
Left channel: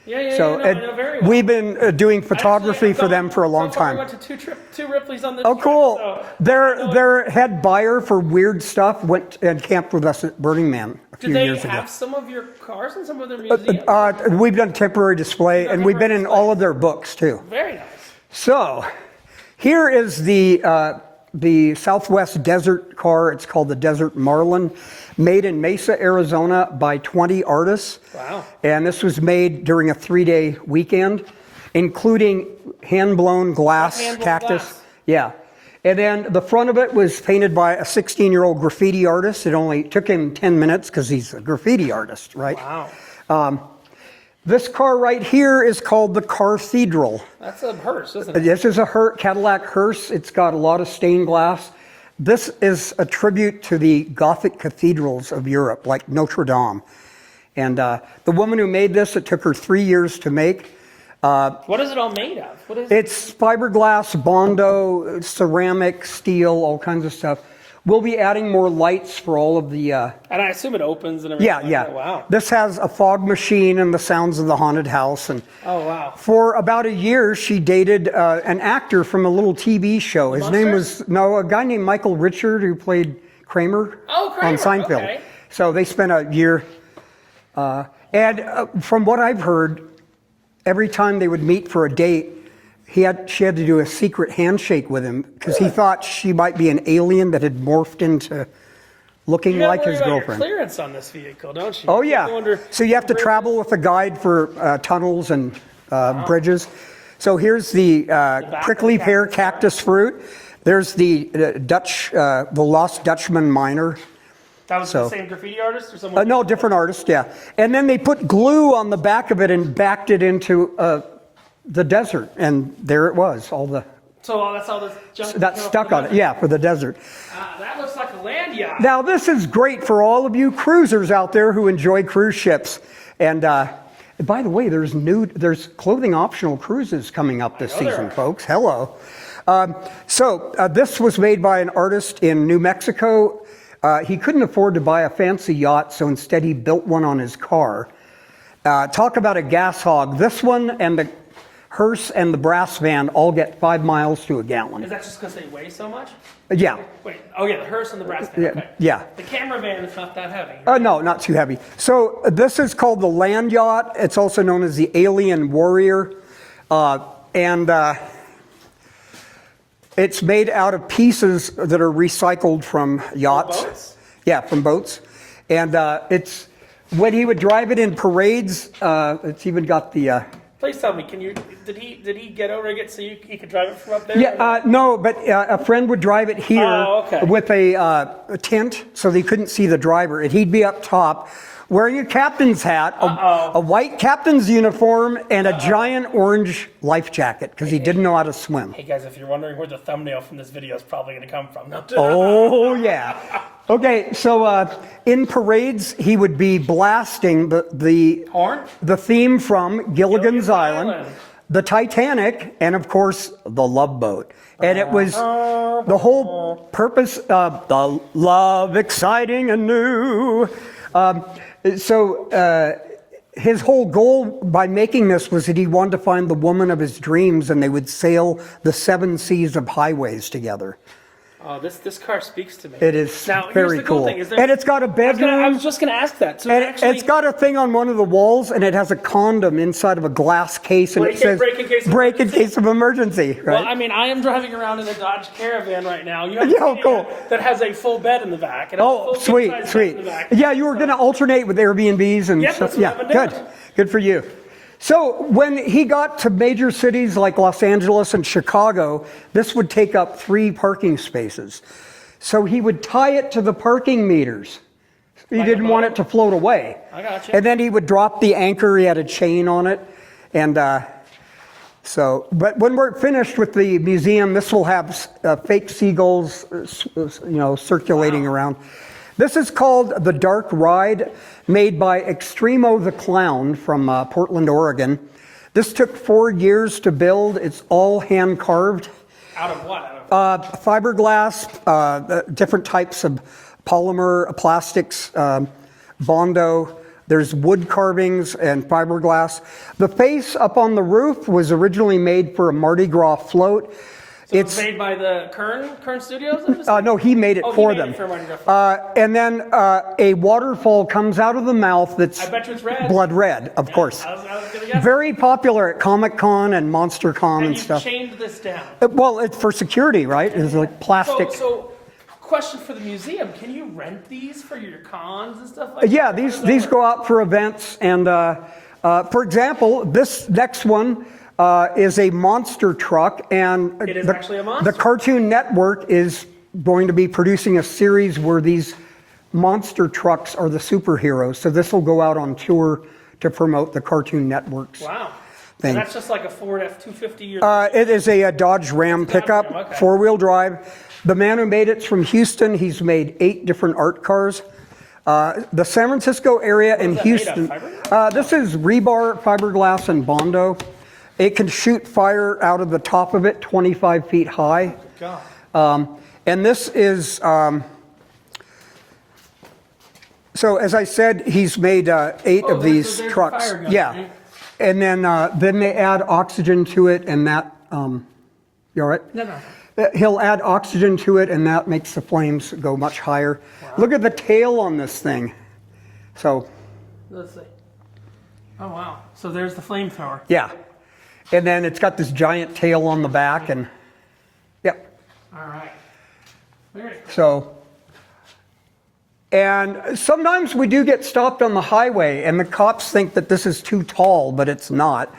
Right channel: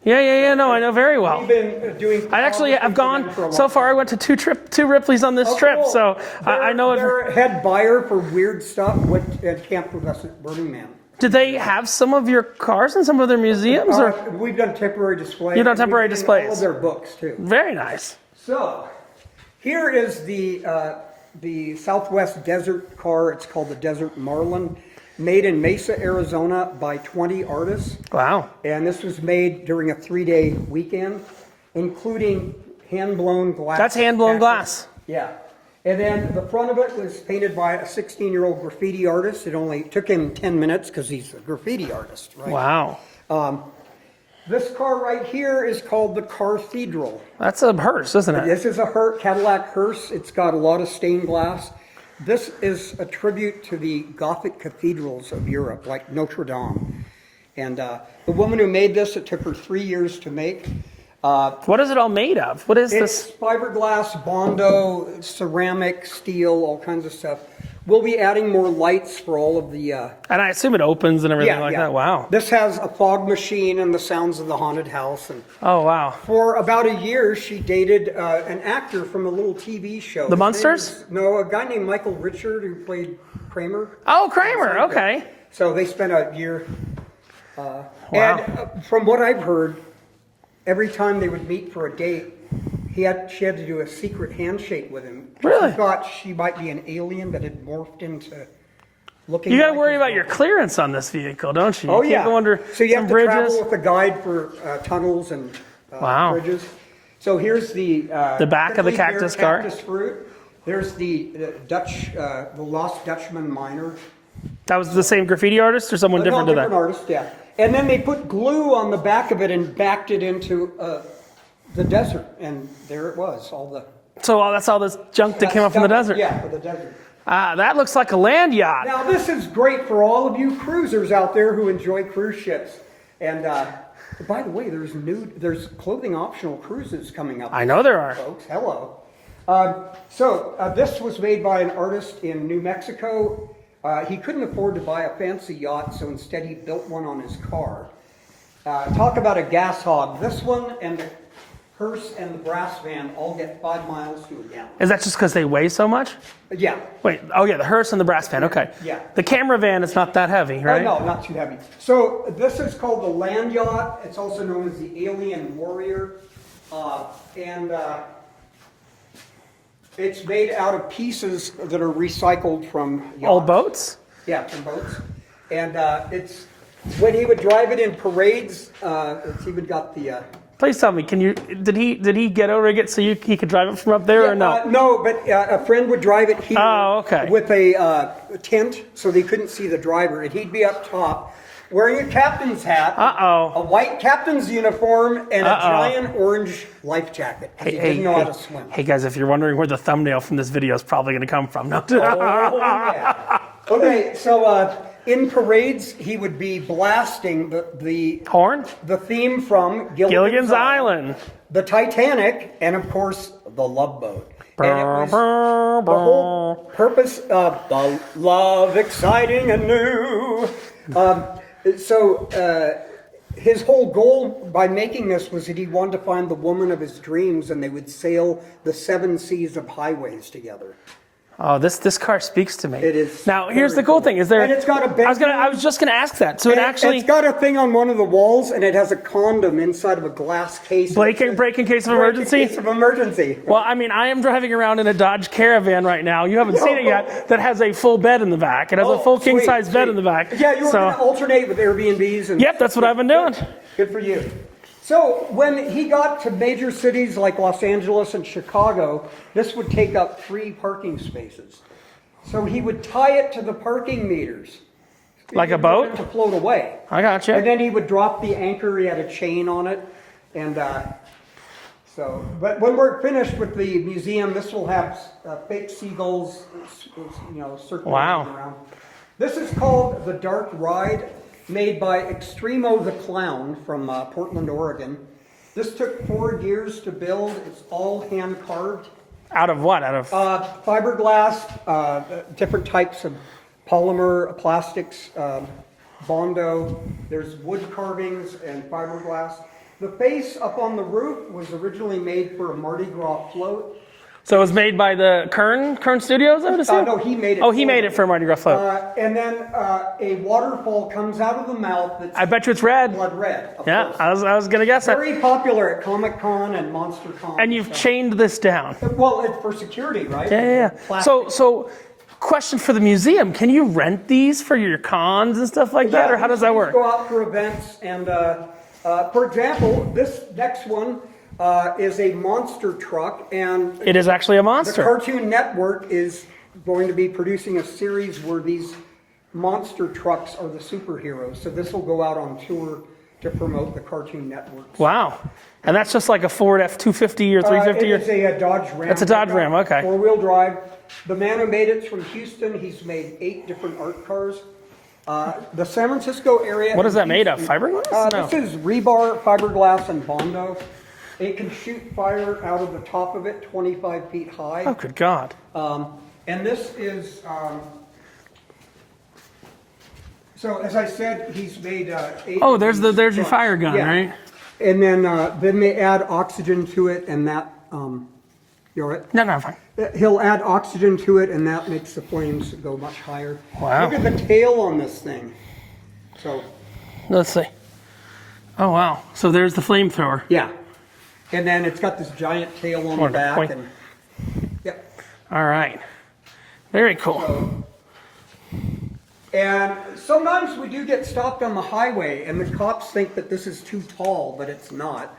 Yeah. No, I know very well. We've been doing photography for them for a long time. So far, I went to two Ripley's on this trip. Cool. So their head buyer for weird stuff went and camped with us at Burning Man. Did they have some of your cars in some of their museums? We've done temporary display, and we've been in all of their books too. Very nice. So, here is the Southwest Desert car. It's called the Desert Marlin, made in Mesa, Arizona by 20 artists. Wow. And this was made during a 3-day weekend, including hand-blown glass. That's hand-blown cactus. glass. Yeah. And then the front of it was painted by a 16-year-old graffiti artist. It only took him 10 minutes because he's a graffiti artist, right? Wow. This car right here is called the Cathedral. That's a hearse, isn't it? This is a Cadillac hearse. It's got a lot of stained glass. This is a tribute to the Gothic cathedrals of Europe, like Notre Dame. And the woman who made this, it took her 3 years to make. What is it all made of? What is this? It's fiberglass, Bondo, ceramic, steel, all kinds of stuff. We'll be adding more lights for all of the... and I assume it opens and everything like that. Wow. This has a fog machine and the sounds of the haunted house. And oh, wow. For about a year, she dated an actor from a little TV show. The His Munsters? name was, a guy named Michael Richard who played Kramer. Oh, Kramer, on Seinfeld. okay. So they spent a year. And from what I've heard, every time they would meet for a date, she had to do a secret handshake with him because he thought she might be an alien that had morphed into looking You got to like worry his about your girlfriend. clearance on this vehicle, don't you? Oh, You yeah. can't go under So you have to bridges. travel with a guide for tunnels and bridges. So here's the back of the prickly pear cactus car. cactus fruit. There's the the Lost Dutchman miner. That was the same graffiti artist or someone different? No, different artist, yeah. And then they put glue on the back of it and backed it into the desert. And there it was, all the... So that's all this junk that came up from the desert? Yeah, for the desert. That looks like a land yacht. Now, this is great for all of you cruisers out there who enjoy cruise ships. And by the way, there's clothing optional cruises coming up this season, folks. Hello. This was made by an artist in New Mexico. He couldn't afford to buy a fancy yacht, so instead he built one on his car. Talk about a gas hog. This one and the hearse and the brass van all get 5 miles to a gallon. Is that just because they weigh so much? Yeah. Wait, oh yeah, the hearse and the brass van, okay. Yeah. The camera van is not that heavy, right? No, not too heavy. So this is called the land yacht. It's also known as the Alien Warrior. It's made out of pieces that are recycled from yachts. Oh, boats? Yeah, from boats. And it's when he would drive it in parades, it's even got the... Please tell me, did he get over it so he could drive it from up there or no? No, but a friend would drive it here with a tent so they couldn't see the driver. And he'd be up top wearing a captain's hat, a white captain's uniform, and a giant orange life jacket because he didn't know how to swim. Hey guys, if you're wondering where the thumbnail from this video is probably going to come from. No. Oh, yeah. Okay, so in parades, he would be blasting the horn, the theme from Gilligan's Island, the Titanic, and of course, the Love Boat. And it was the whole purpose of the love, exciting and new. His whole goal by making this was that he wanted to find the woman of his dreams, and they would sail the 7 seas of highways together. Oh, this car speaks to me. It is. Now, here's the cool thing: is there? And it's got a bedroom. I was just going to ask that. So it's got a thing on one of the walls, and it has a condom inside of a glass case. And break in case of emergency. Break in case of emergency. Right? Well, I mean, I am driving around in a Dodge Caravan right now. You haven't seen it yet. That has a full bed in the back. It has a full king-size bed in the back. Yeah, you were going to alternate with Airbnbs and. Yep, that's what I've been doing. Good for you. So when he got to major cities like Los Angeles and Chicago, this would take up 3 parking spaces. So he would tie it to the parking meters. He didn't want it to float away. I got you. And then he would drop the anchor. He had a chain on it. And but when we're finished with the museum, this will have fake seagulls, circulating around. This is called the Dark Ride, made by Extremo the Clown from Portland, Oregon. This took 4 years to build. It's all hand carved. Out of what? Out of fiberglass, different types of polymer, plastics, Bondo. There's wood carvings and fiberglass. The face up on the roof was originally made for a Mardi Gras float. So it's made by the Kern Studios, I would assume? No, he made it for them. Oh, he made it for a Mardi Gras float. And then a waterfall comes out of the mouth that's... I bet you it's red. Blood red, of course. I was going to guess Very popular at Comic-Con and MonsterCon and you've chained this down. Well, it's for security, right? Yeah. Plastic. So, question for the museum. Can you rent these for your cons and stuff like that? Yeah, or how does that these work? go out for events. And for example, this next one is a monster truck. And it is actually a monster. The Cartoon Network is going to be producing a series where these monster trucks are the superheroes. So this will go out on tour to promote the Cartoon Network's. Wow. And that's just like a Ford F-250 or 350? It is a Dodge Ram It's a Dodge pickup, Ram, okay. 4-wheel drive. The man who made it's from Houston. He's made 8 different art cars. The San Francisco area. What is that Houston, made of? Fiberglass? This is rebar, fiberglass, and Bondo. It can shoot fire out of the top of it 25 feet high. Oh, good God. And this is, so as I said, he's made 8 of these there's trucks. your fire gun, right? And then they add oxygen to it, and that, you all right? No, I'm fine. He'll add oxygen to it, and that makes the flames go much higher. Wow. Look at the tail on this thing. So. Let's see. Oh, wow. So there's the flamethrower. Yeah. And then it's got this giant tail on the back. And yep. All right. Very cool. So And sometimes we do get stopped on the highway, and the cops think that this is too tall, but it's not.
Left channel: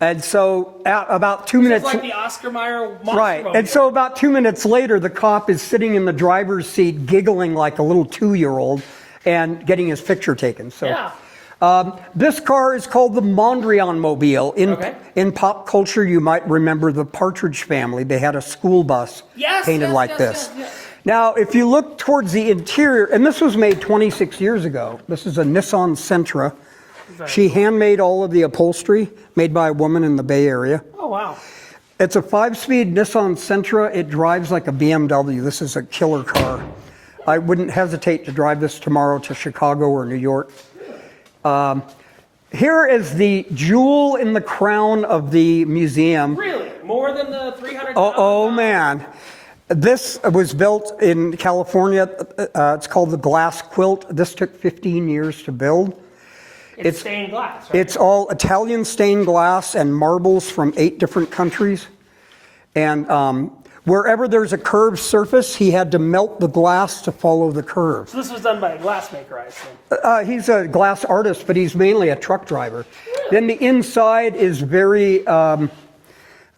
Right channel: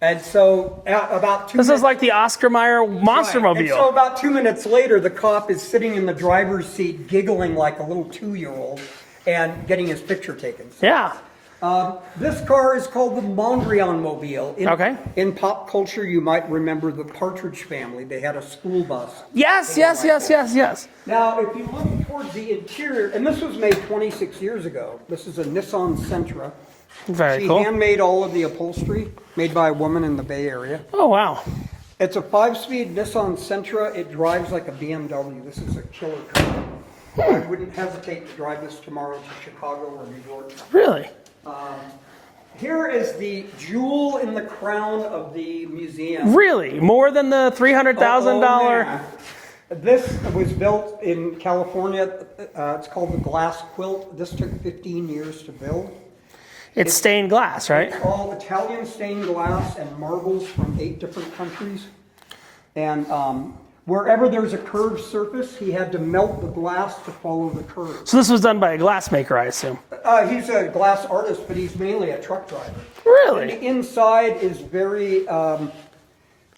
And so about 2 minutes... This is like the Oscar Mayer Monster Mobile. And so about 2 minutes later, the cop is sitting in the driver's seat giggling like a little 2-year-old and getting his picture taken. So, yeah. This car is called the Mondrian Mobile. In pop culture, you might remember the Partridge Family. They had a school bus painted like this. Yes. Now, if you look towards the interior, and this was made 26 years ago. This is a Nissan Sentra. She handmade all of the upholstery, made by a woman in the Bay Area. Oh, wow. It's a 5-speed Nissan Sentra. It drives like a BMW. This is a killer car. I wouldn't hesitate to drive this tomorrow to Chicago or New York. Really? Here is the jewel in the crown of the museum. Really? More than the $300,000? Oh, man. This was built in California. It's called the Glass Quilt. This took 15 years to build. It's stained glass, right? It's all Italian stained glass and marbles from 8 different countries. And wherever there's a curved surface, he had to melt the glass to follow the curve. So this was done by a glassmaker, I assume? He's a glass artist, but he's mainly a truck driver. Really? Then the inside is very, inside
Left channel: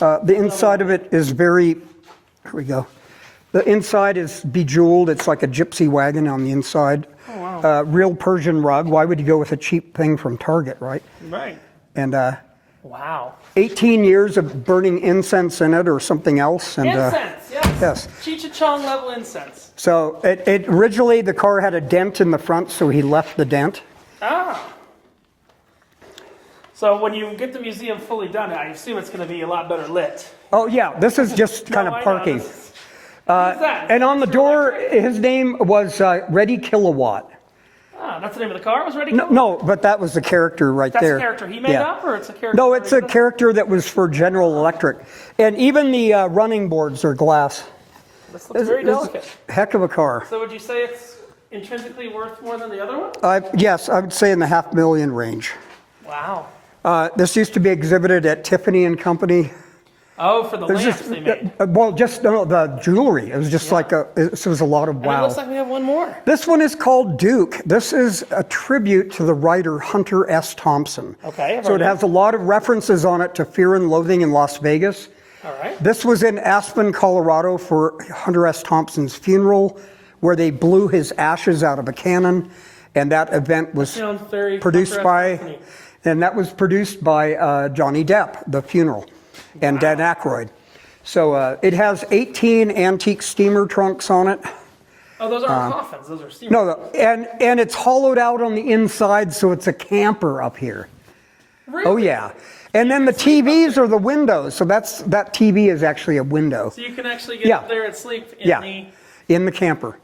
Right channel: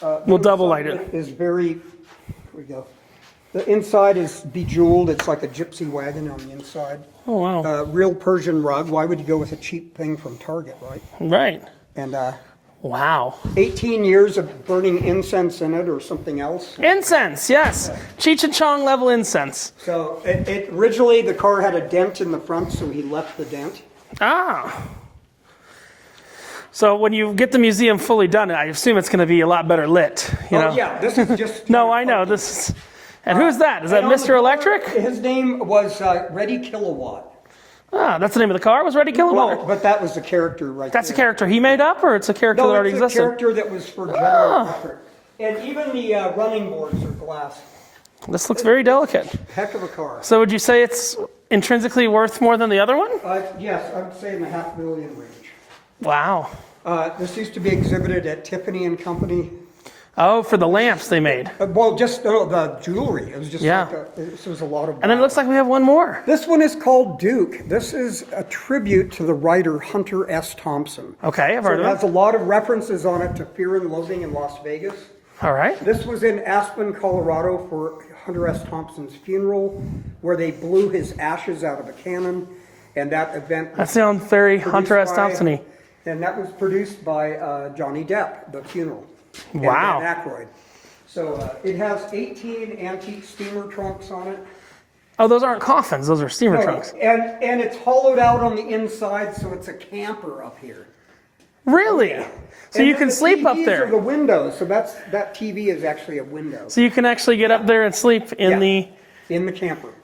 of it is very, here we go. The inside is bejeweled. It's like a gypsy wagon on the inside. Oh, wow. Real Persian rug. Why would you go with a cheap thing from Target, right? Right. And wow. 18 years of burning incense in it or something else. And, Incense, yes. Yes. Cheech and Chong level incense. So it originally the car had a dent in the front, so he left the dent. Ah. So when you get the museum fully done, I assume it's going to be a lot better lit. You know? Yeah, this is just no, kind of I parking. know this. And who's that? Is that and on Mr. the door, Electric? His name was Ready Kilowatt. Ah, that's the name of the car. Was Ready Kilowatt? No, but that was the character right there. That's a character he made up, or it's a character that No, already it's a existed? character that was for General Electric. And even the running boards are glass. This looks very delicate. Heck of a car. So would you say it's intrinsically worth more than the other one? Yes, I would say in the $500,000 range. Wow. This used to be exhibited at Tiffany and Company. Oh, for the lamps they made. The jewelry. It was just it was a lot of wow. And it looks like we have one more. This one is called Duke. This is a tribute to the writer Hunter S. Thompson. Okay, I've heard So it has a lot of references on it to Fear and Loathing in Las Vegas. All right. This was in Aspen, Colorado for Hunter S. Thompson's funeral, where they blew his ashes out of a cannon, and that event was That sounds very Hunter S. Thompson-y. And that was produced by Johnny Depp, the funeral, and Dan Aykroyd. So it has 18 antique steamer trunks on it. Oh, those aren't coffins; those are steamer trunks. And it's hollowed out on the inside, so it's a camper up here. Really? Oh yeah. So and you then can the sleep up TVs there. are the windows, so that TV is actually a window. So you can actually get up there and sleep in the camper.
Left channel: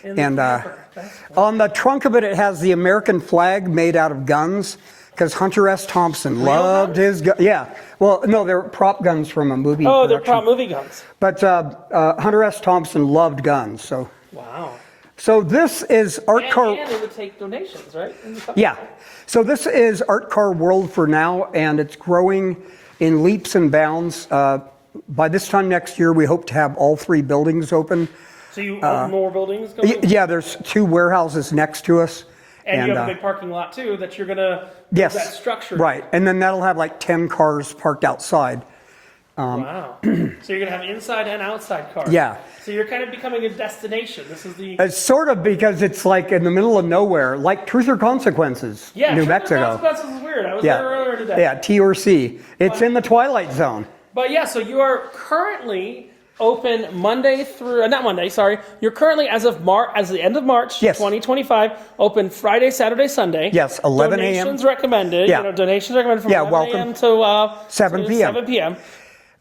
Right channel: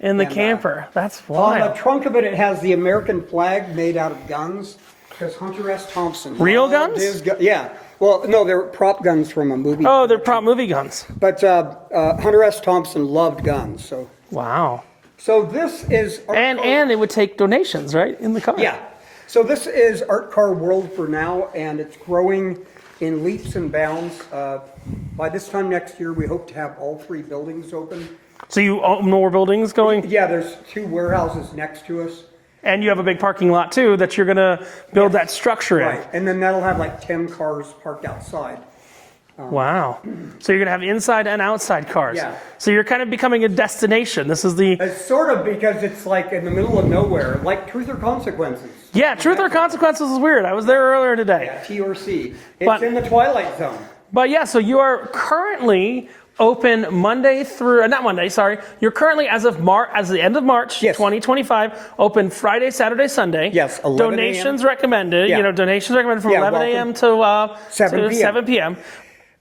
In the camper. That's wild. On the trunk of it, it has the American flag made out of guns, because Hunter S. Thompson Real loved guns? his Yeah. Well, no, they were prop guns from a movie. Oh, they're prop movie guns. But Hunter S. Thompson loved guns, so. Wow. So this is Art Car. And it would take donations, right, in the car? Yeah. So this is Art Car World for now, and it's growing in leaps and bounds. By this time next year, we hope to have all 3 buildings open. So you own more buildings going? Yeah, there's 2 warehouses next to us. And you have a big parking lot, too, that you're going to build that structure in. Right, and then that'll have like 10 cars parked outside. Wow. So you're going to have inside and outside cars. Yeah. So you're kind of becoming a destination. This is the... It's sort of, because it's like in the middle of nowhere, like Truth or Consequences. Yeah, New Truth Mexico. or Consequences is weird. I was there earlier today. Yeah, T or C. It's in the Twilight Zone. But yeah, so you are currently open Monday through, not Monday, sorry. You're currently, as the end of March, 2025, open Friday, Saturday, Sunday. Yes, 11 a.m. Donations recommended. Yeah. You know, donations recommended from 11 a.m. to 7 p.m. 7 p.m.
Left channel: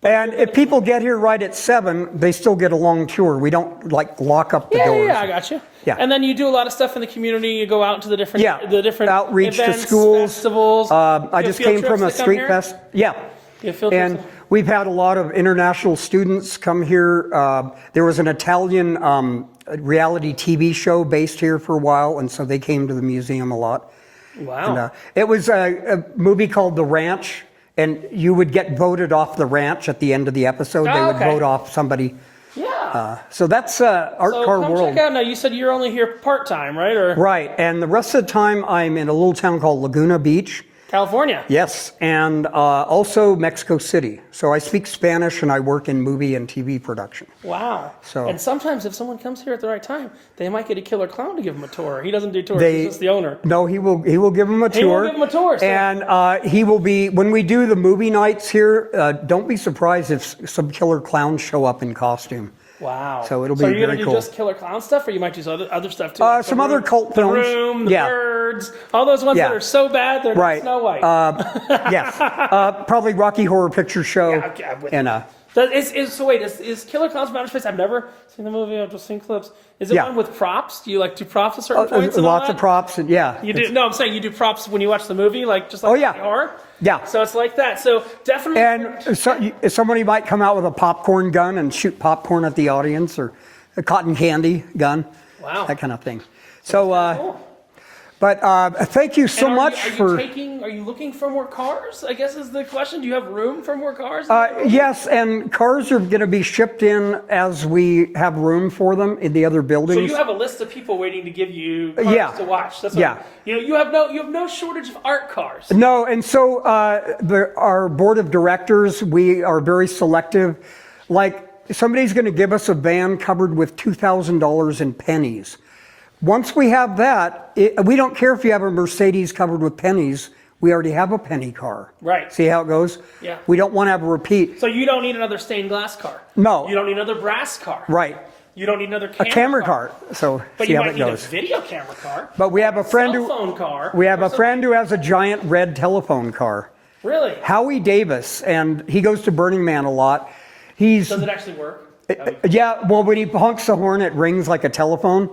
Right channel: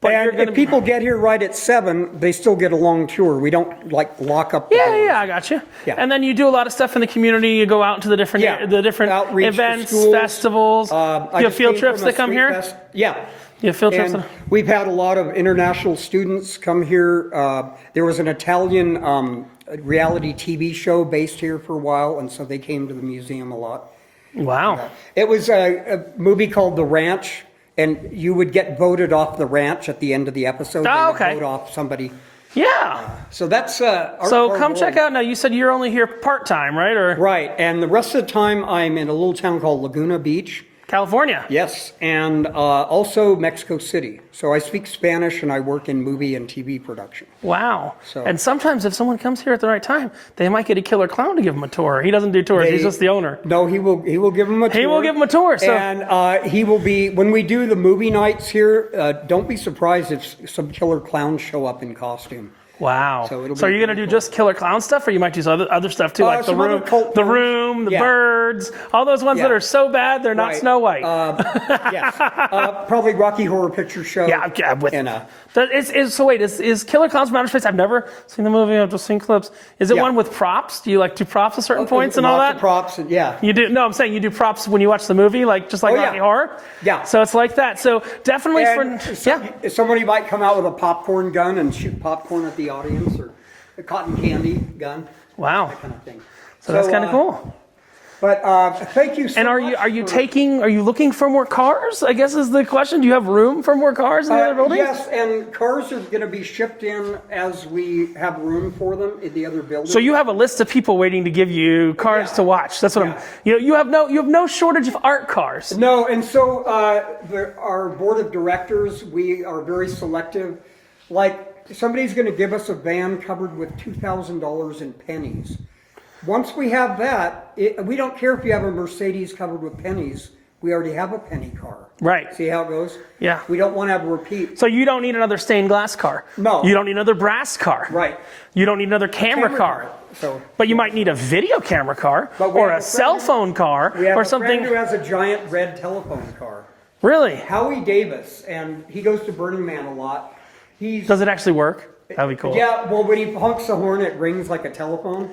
But and if people get here right at 7, they still get a long tour. We don't like lock up the doors. Yeah, I got you. Yeah. And then you do a lot of stuff in the community. You go out to the different outreach events, to schools, festivals. I you just have field came trips from a that come street here. fest. Yeah. You have field trips. And we've had a lot of international students come here. There was an Italian reality TV show based here for a while, and so they came to the museum a lot. Wow. And, it was a movie called The Ranch, and you would get voted off the ranch at the end of the episode. They would vote off somebody. So that's Art So Car come World. check out. Now, you said you're only here part-time, right? Or Right, and the rest of the time I'm in a little town called Laguna Beach. California. Yes, and also Mexico City. So I speak Spanish and I work in movie and TV production. Wow. So- And sometimes if someone comes here at the right time, they might get a killer clown to give them a tour. He doesn't do tours. He's just the owner. No, he will give them a tour. He will give them a tour. So. And he will be, when we do the movie nights here, don't be surprised if some killer clowns show up in costume. Wow. So it'll So are be you going very to do cool. just killer clown stuff, or you might do other stuff too? Like some other cult The films. Room, the Yeah. Birds, all those ones Yeah. that are so bad they're not Right. Snow White. Yes. Probably Rocky Horror Picture Show. Yeah, with and, so wait, is Killer Clowns from Outer Space? I've never seen the movie. I've just seen clips. Is it Yeah. one with props? Do you like do props at certain points and all that? Lots of props. And, yeah. You do? No, I'm saying you do props when you watch the movie, like just like Oh, yeah. Rocky Horror. Yeah. So it's like that. So definitely And for somebody might come out with a popcorn gun and shoot popcorn at the audience, or a cotton candy gun. Wow. That kind of thing. So that's kind of cool. But thank you so And much. are you looking for more cars? I guess is the question. Do you have room for more cars in the other buildings? Yes, and cars are going to be shipped in as we have room for them in the other buildings. So you have a list of people waiting to give you cars Yeah. to watch. That's what Yeah. you have no shortage of art cars. No, and so our board of directors, we are very selective. Like, somebody's going to give us a van covered with $2,000 in pennies. Once we have that, we don't care if you have a Mercedes covered with pennies. We already have a penny car. Right. See how it goes? Yeah. We don't want to have a repeat. So you don't need another stained glass car. No. You don't need another brass car. Right. You don't need another A camera car. car. So, But see you how might it need a goes. video camera car. But we or have a a friend cell who- phone car. We have or a something. friend who has a giant red telephone car. Really? Howie Davis, and he goes to Burning Man a lot. Does it actually work? That'd be cool. Yeah, well, when he honks the horn, it rings like a telephone.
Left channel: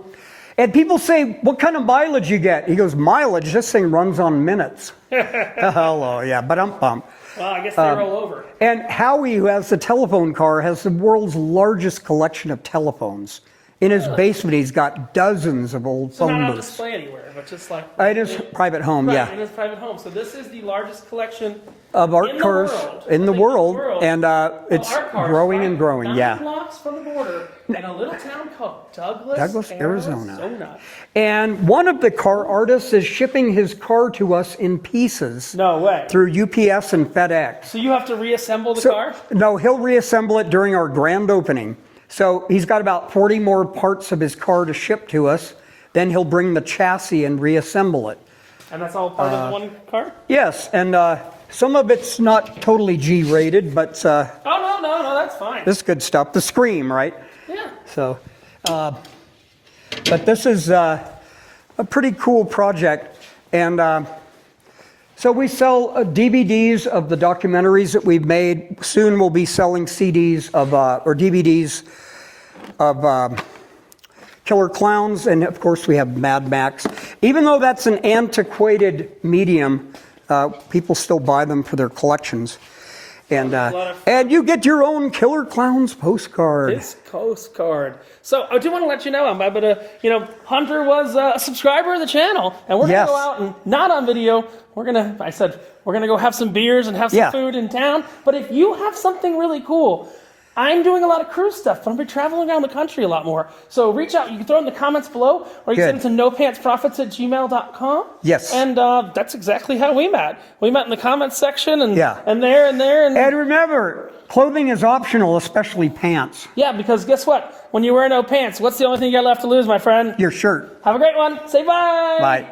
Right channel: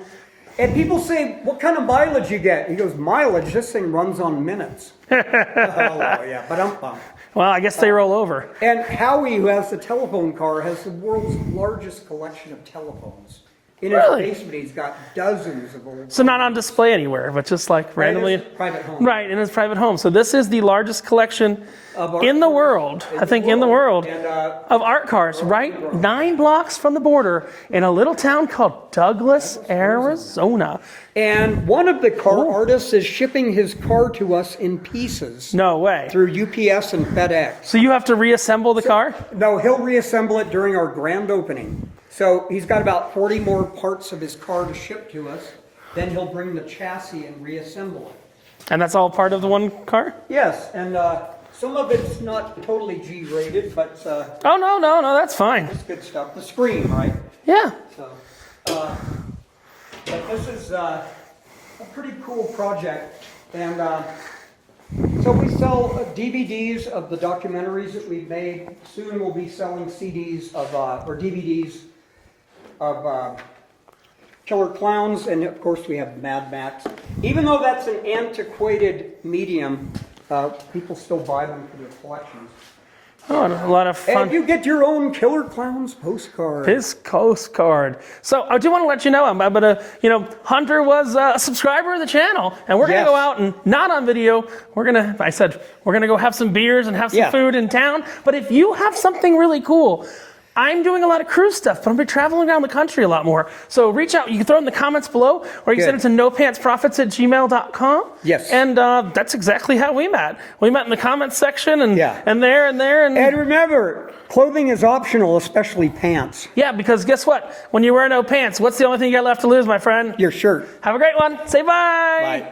And people say, what kind of mileage you get? He goes, mileage? This thing runs on minutes. Hello, yeah, but I'm pumped. Well, I guess they roll over. And Howie, who has the telephone car, has the world's largest collection of telephones. In his basement, he's got dozens of old So phone not on booths. display anywhere, but just like Right in randomly. his private home, Right, yeah. in his private home. So this is the largest collection Of art in the cars world. in I the think in the world. And of it's art cars, growing right? and growing, 9 yeah. blocks from the border in a little town called Douglas, Douglas, Arizona. And one of the car artists is shipping his car to us in pieces. No way. Through UPS and FedEx. So you have to reassemble the car? No, he'll reassemble it during our grand opening. So he's got about 40 more parts of his car to ship to us. Then he'll bring the chassis and reassemble it. And that's all part of the one car? Yes, and some of it's not totally G-rated, but Oh, no, that's fine. this is good stuff. The Scream, right? Yeah. So, but this is a pretty cool project. And so we sell DVDs of the documentaries that we've made. Soon we'll be selling CDs of, or DVDs of Killer Clowns. And of course we have Mad Max. Even though that's an antiquated medium, people still buy them for their collections. And, a lot of fun. and you get your own Killer Clowns postcard. His postcard. So I do want to let you know, I'm gonna, Hunter was a subscriber of the channel, and we're gonna Yes. go out and not on video. We're gonna go have some beers and have some Yeah. food in town. But if you have something really cool, I'm doing a lot of cruise stuff, but I'm gonna be traveling around the country a lot more. So reach out. You can throw it in the comments below, or you can Good. send it to nopantsprofits@gmail.com. Yes. And that's exactly how we met. We met in the comments section, and Yeah. and there and there and. And remember, clothing is optional, especially pants. Yeah, because guess what? When you wear no pants, what's the only thing you got left to lose, my friend? Your shirt. Have a great one. Say bye. Bye.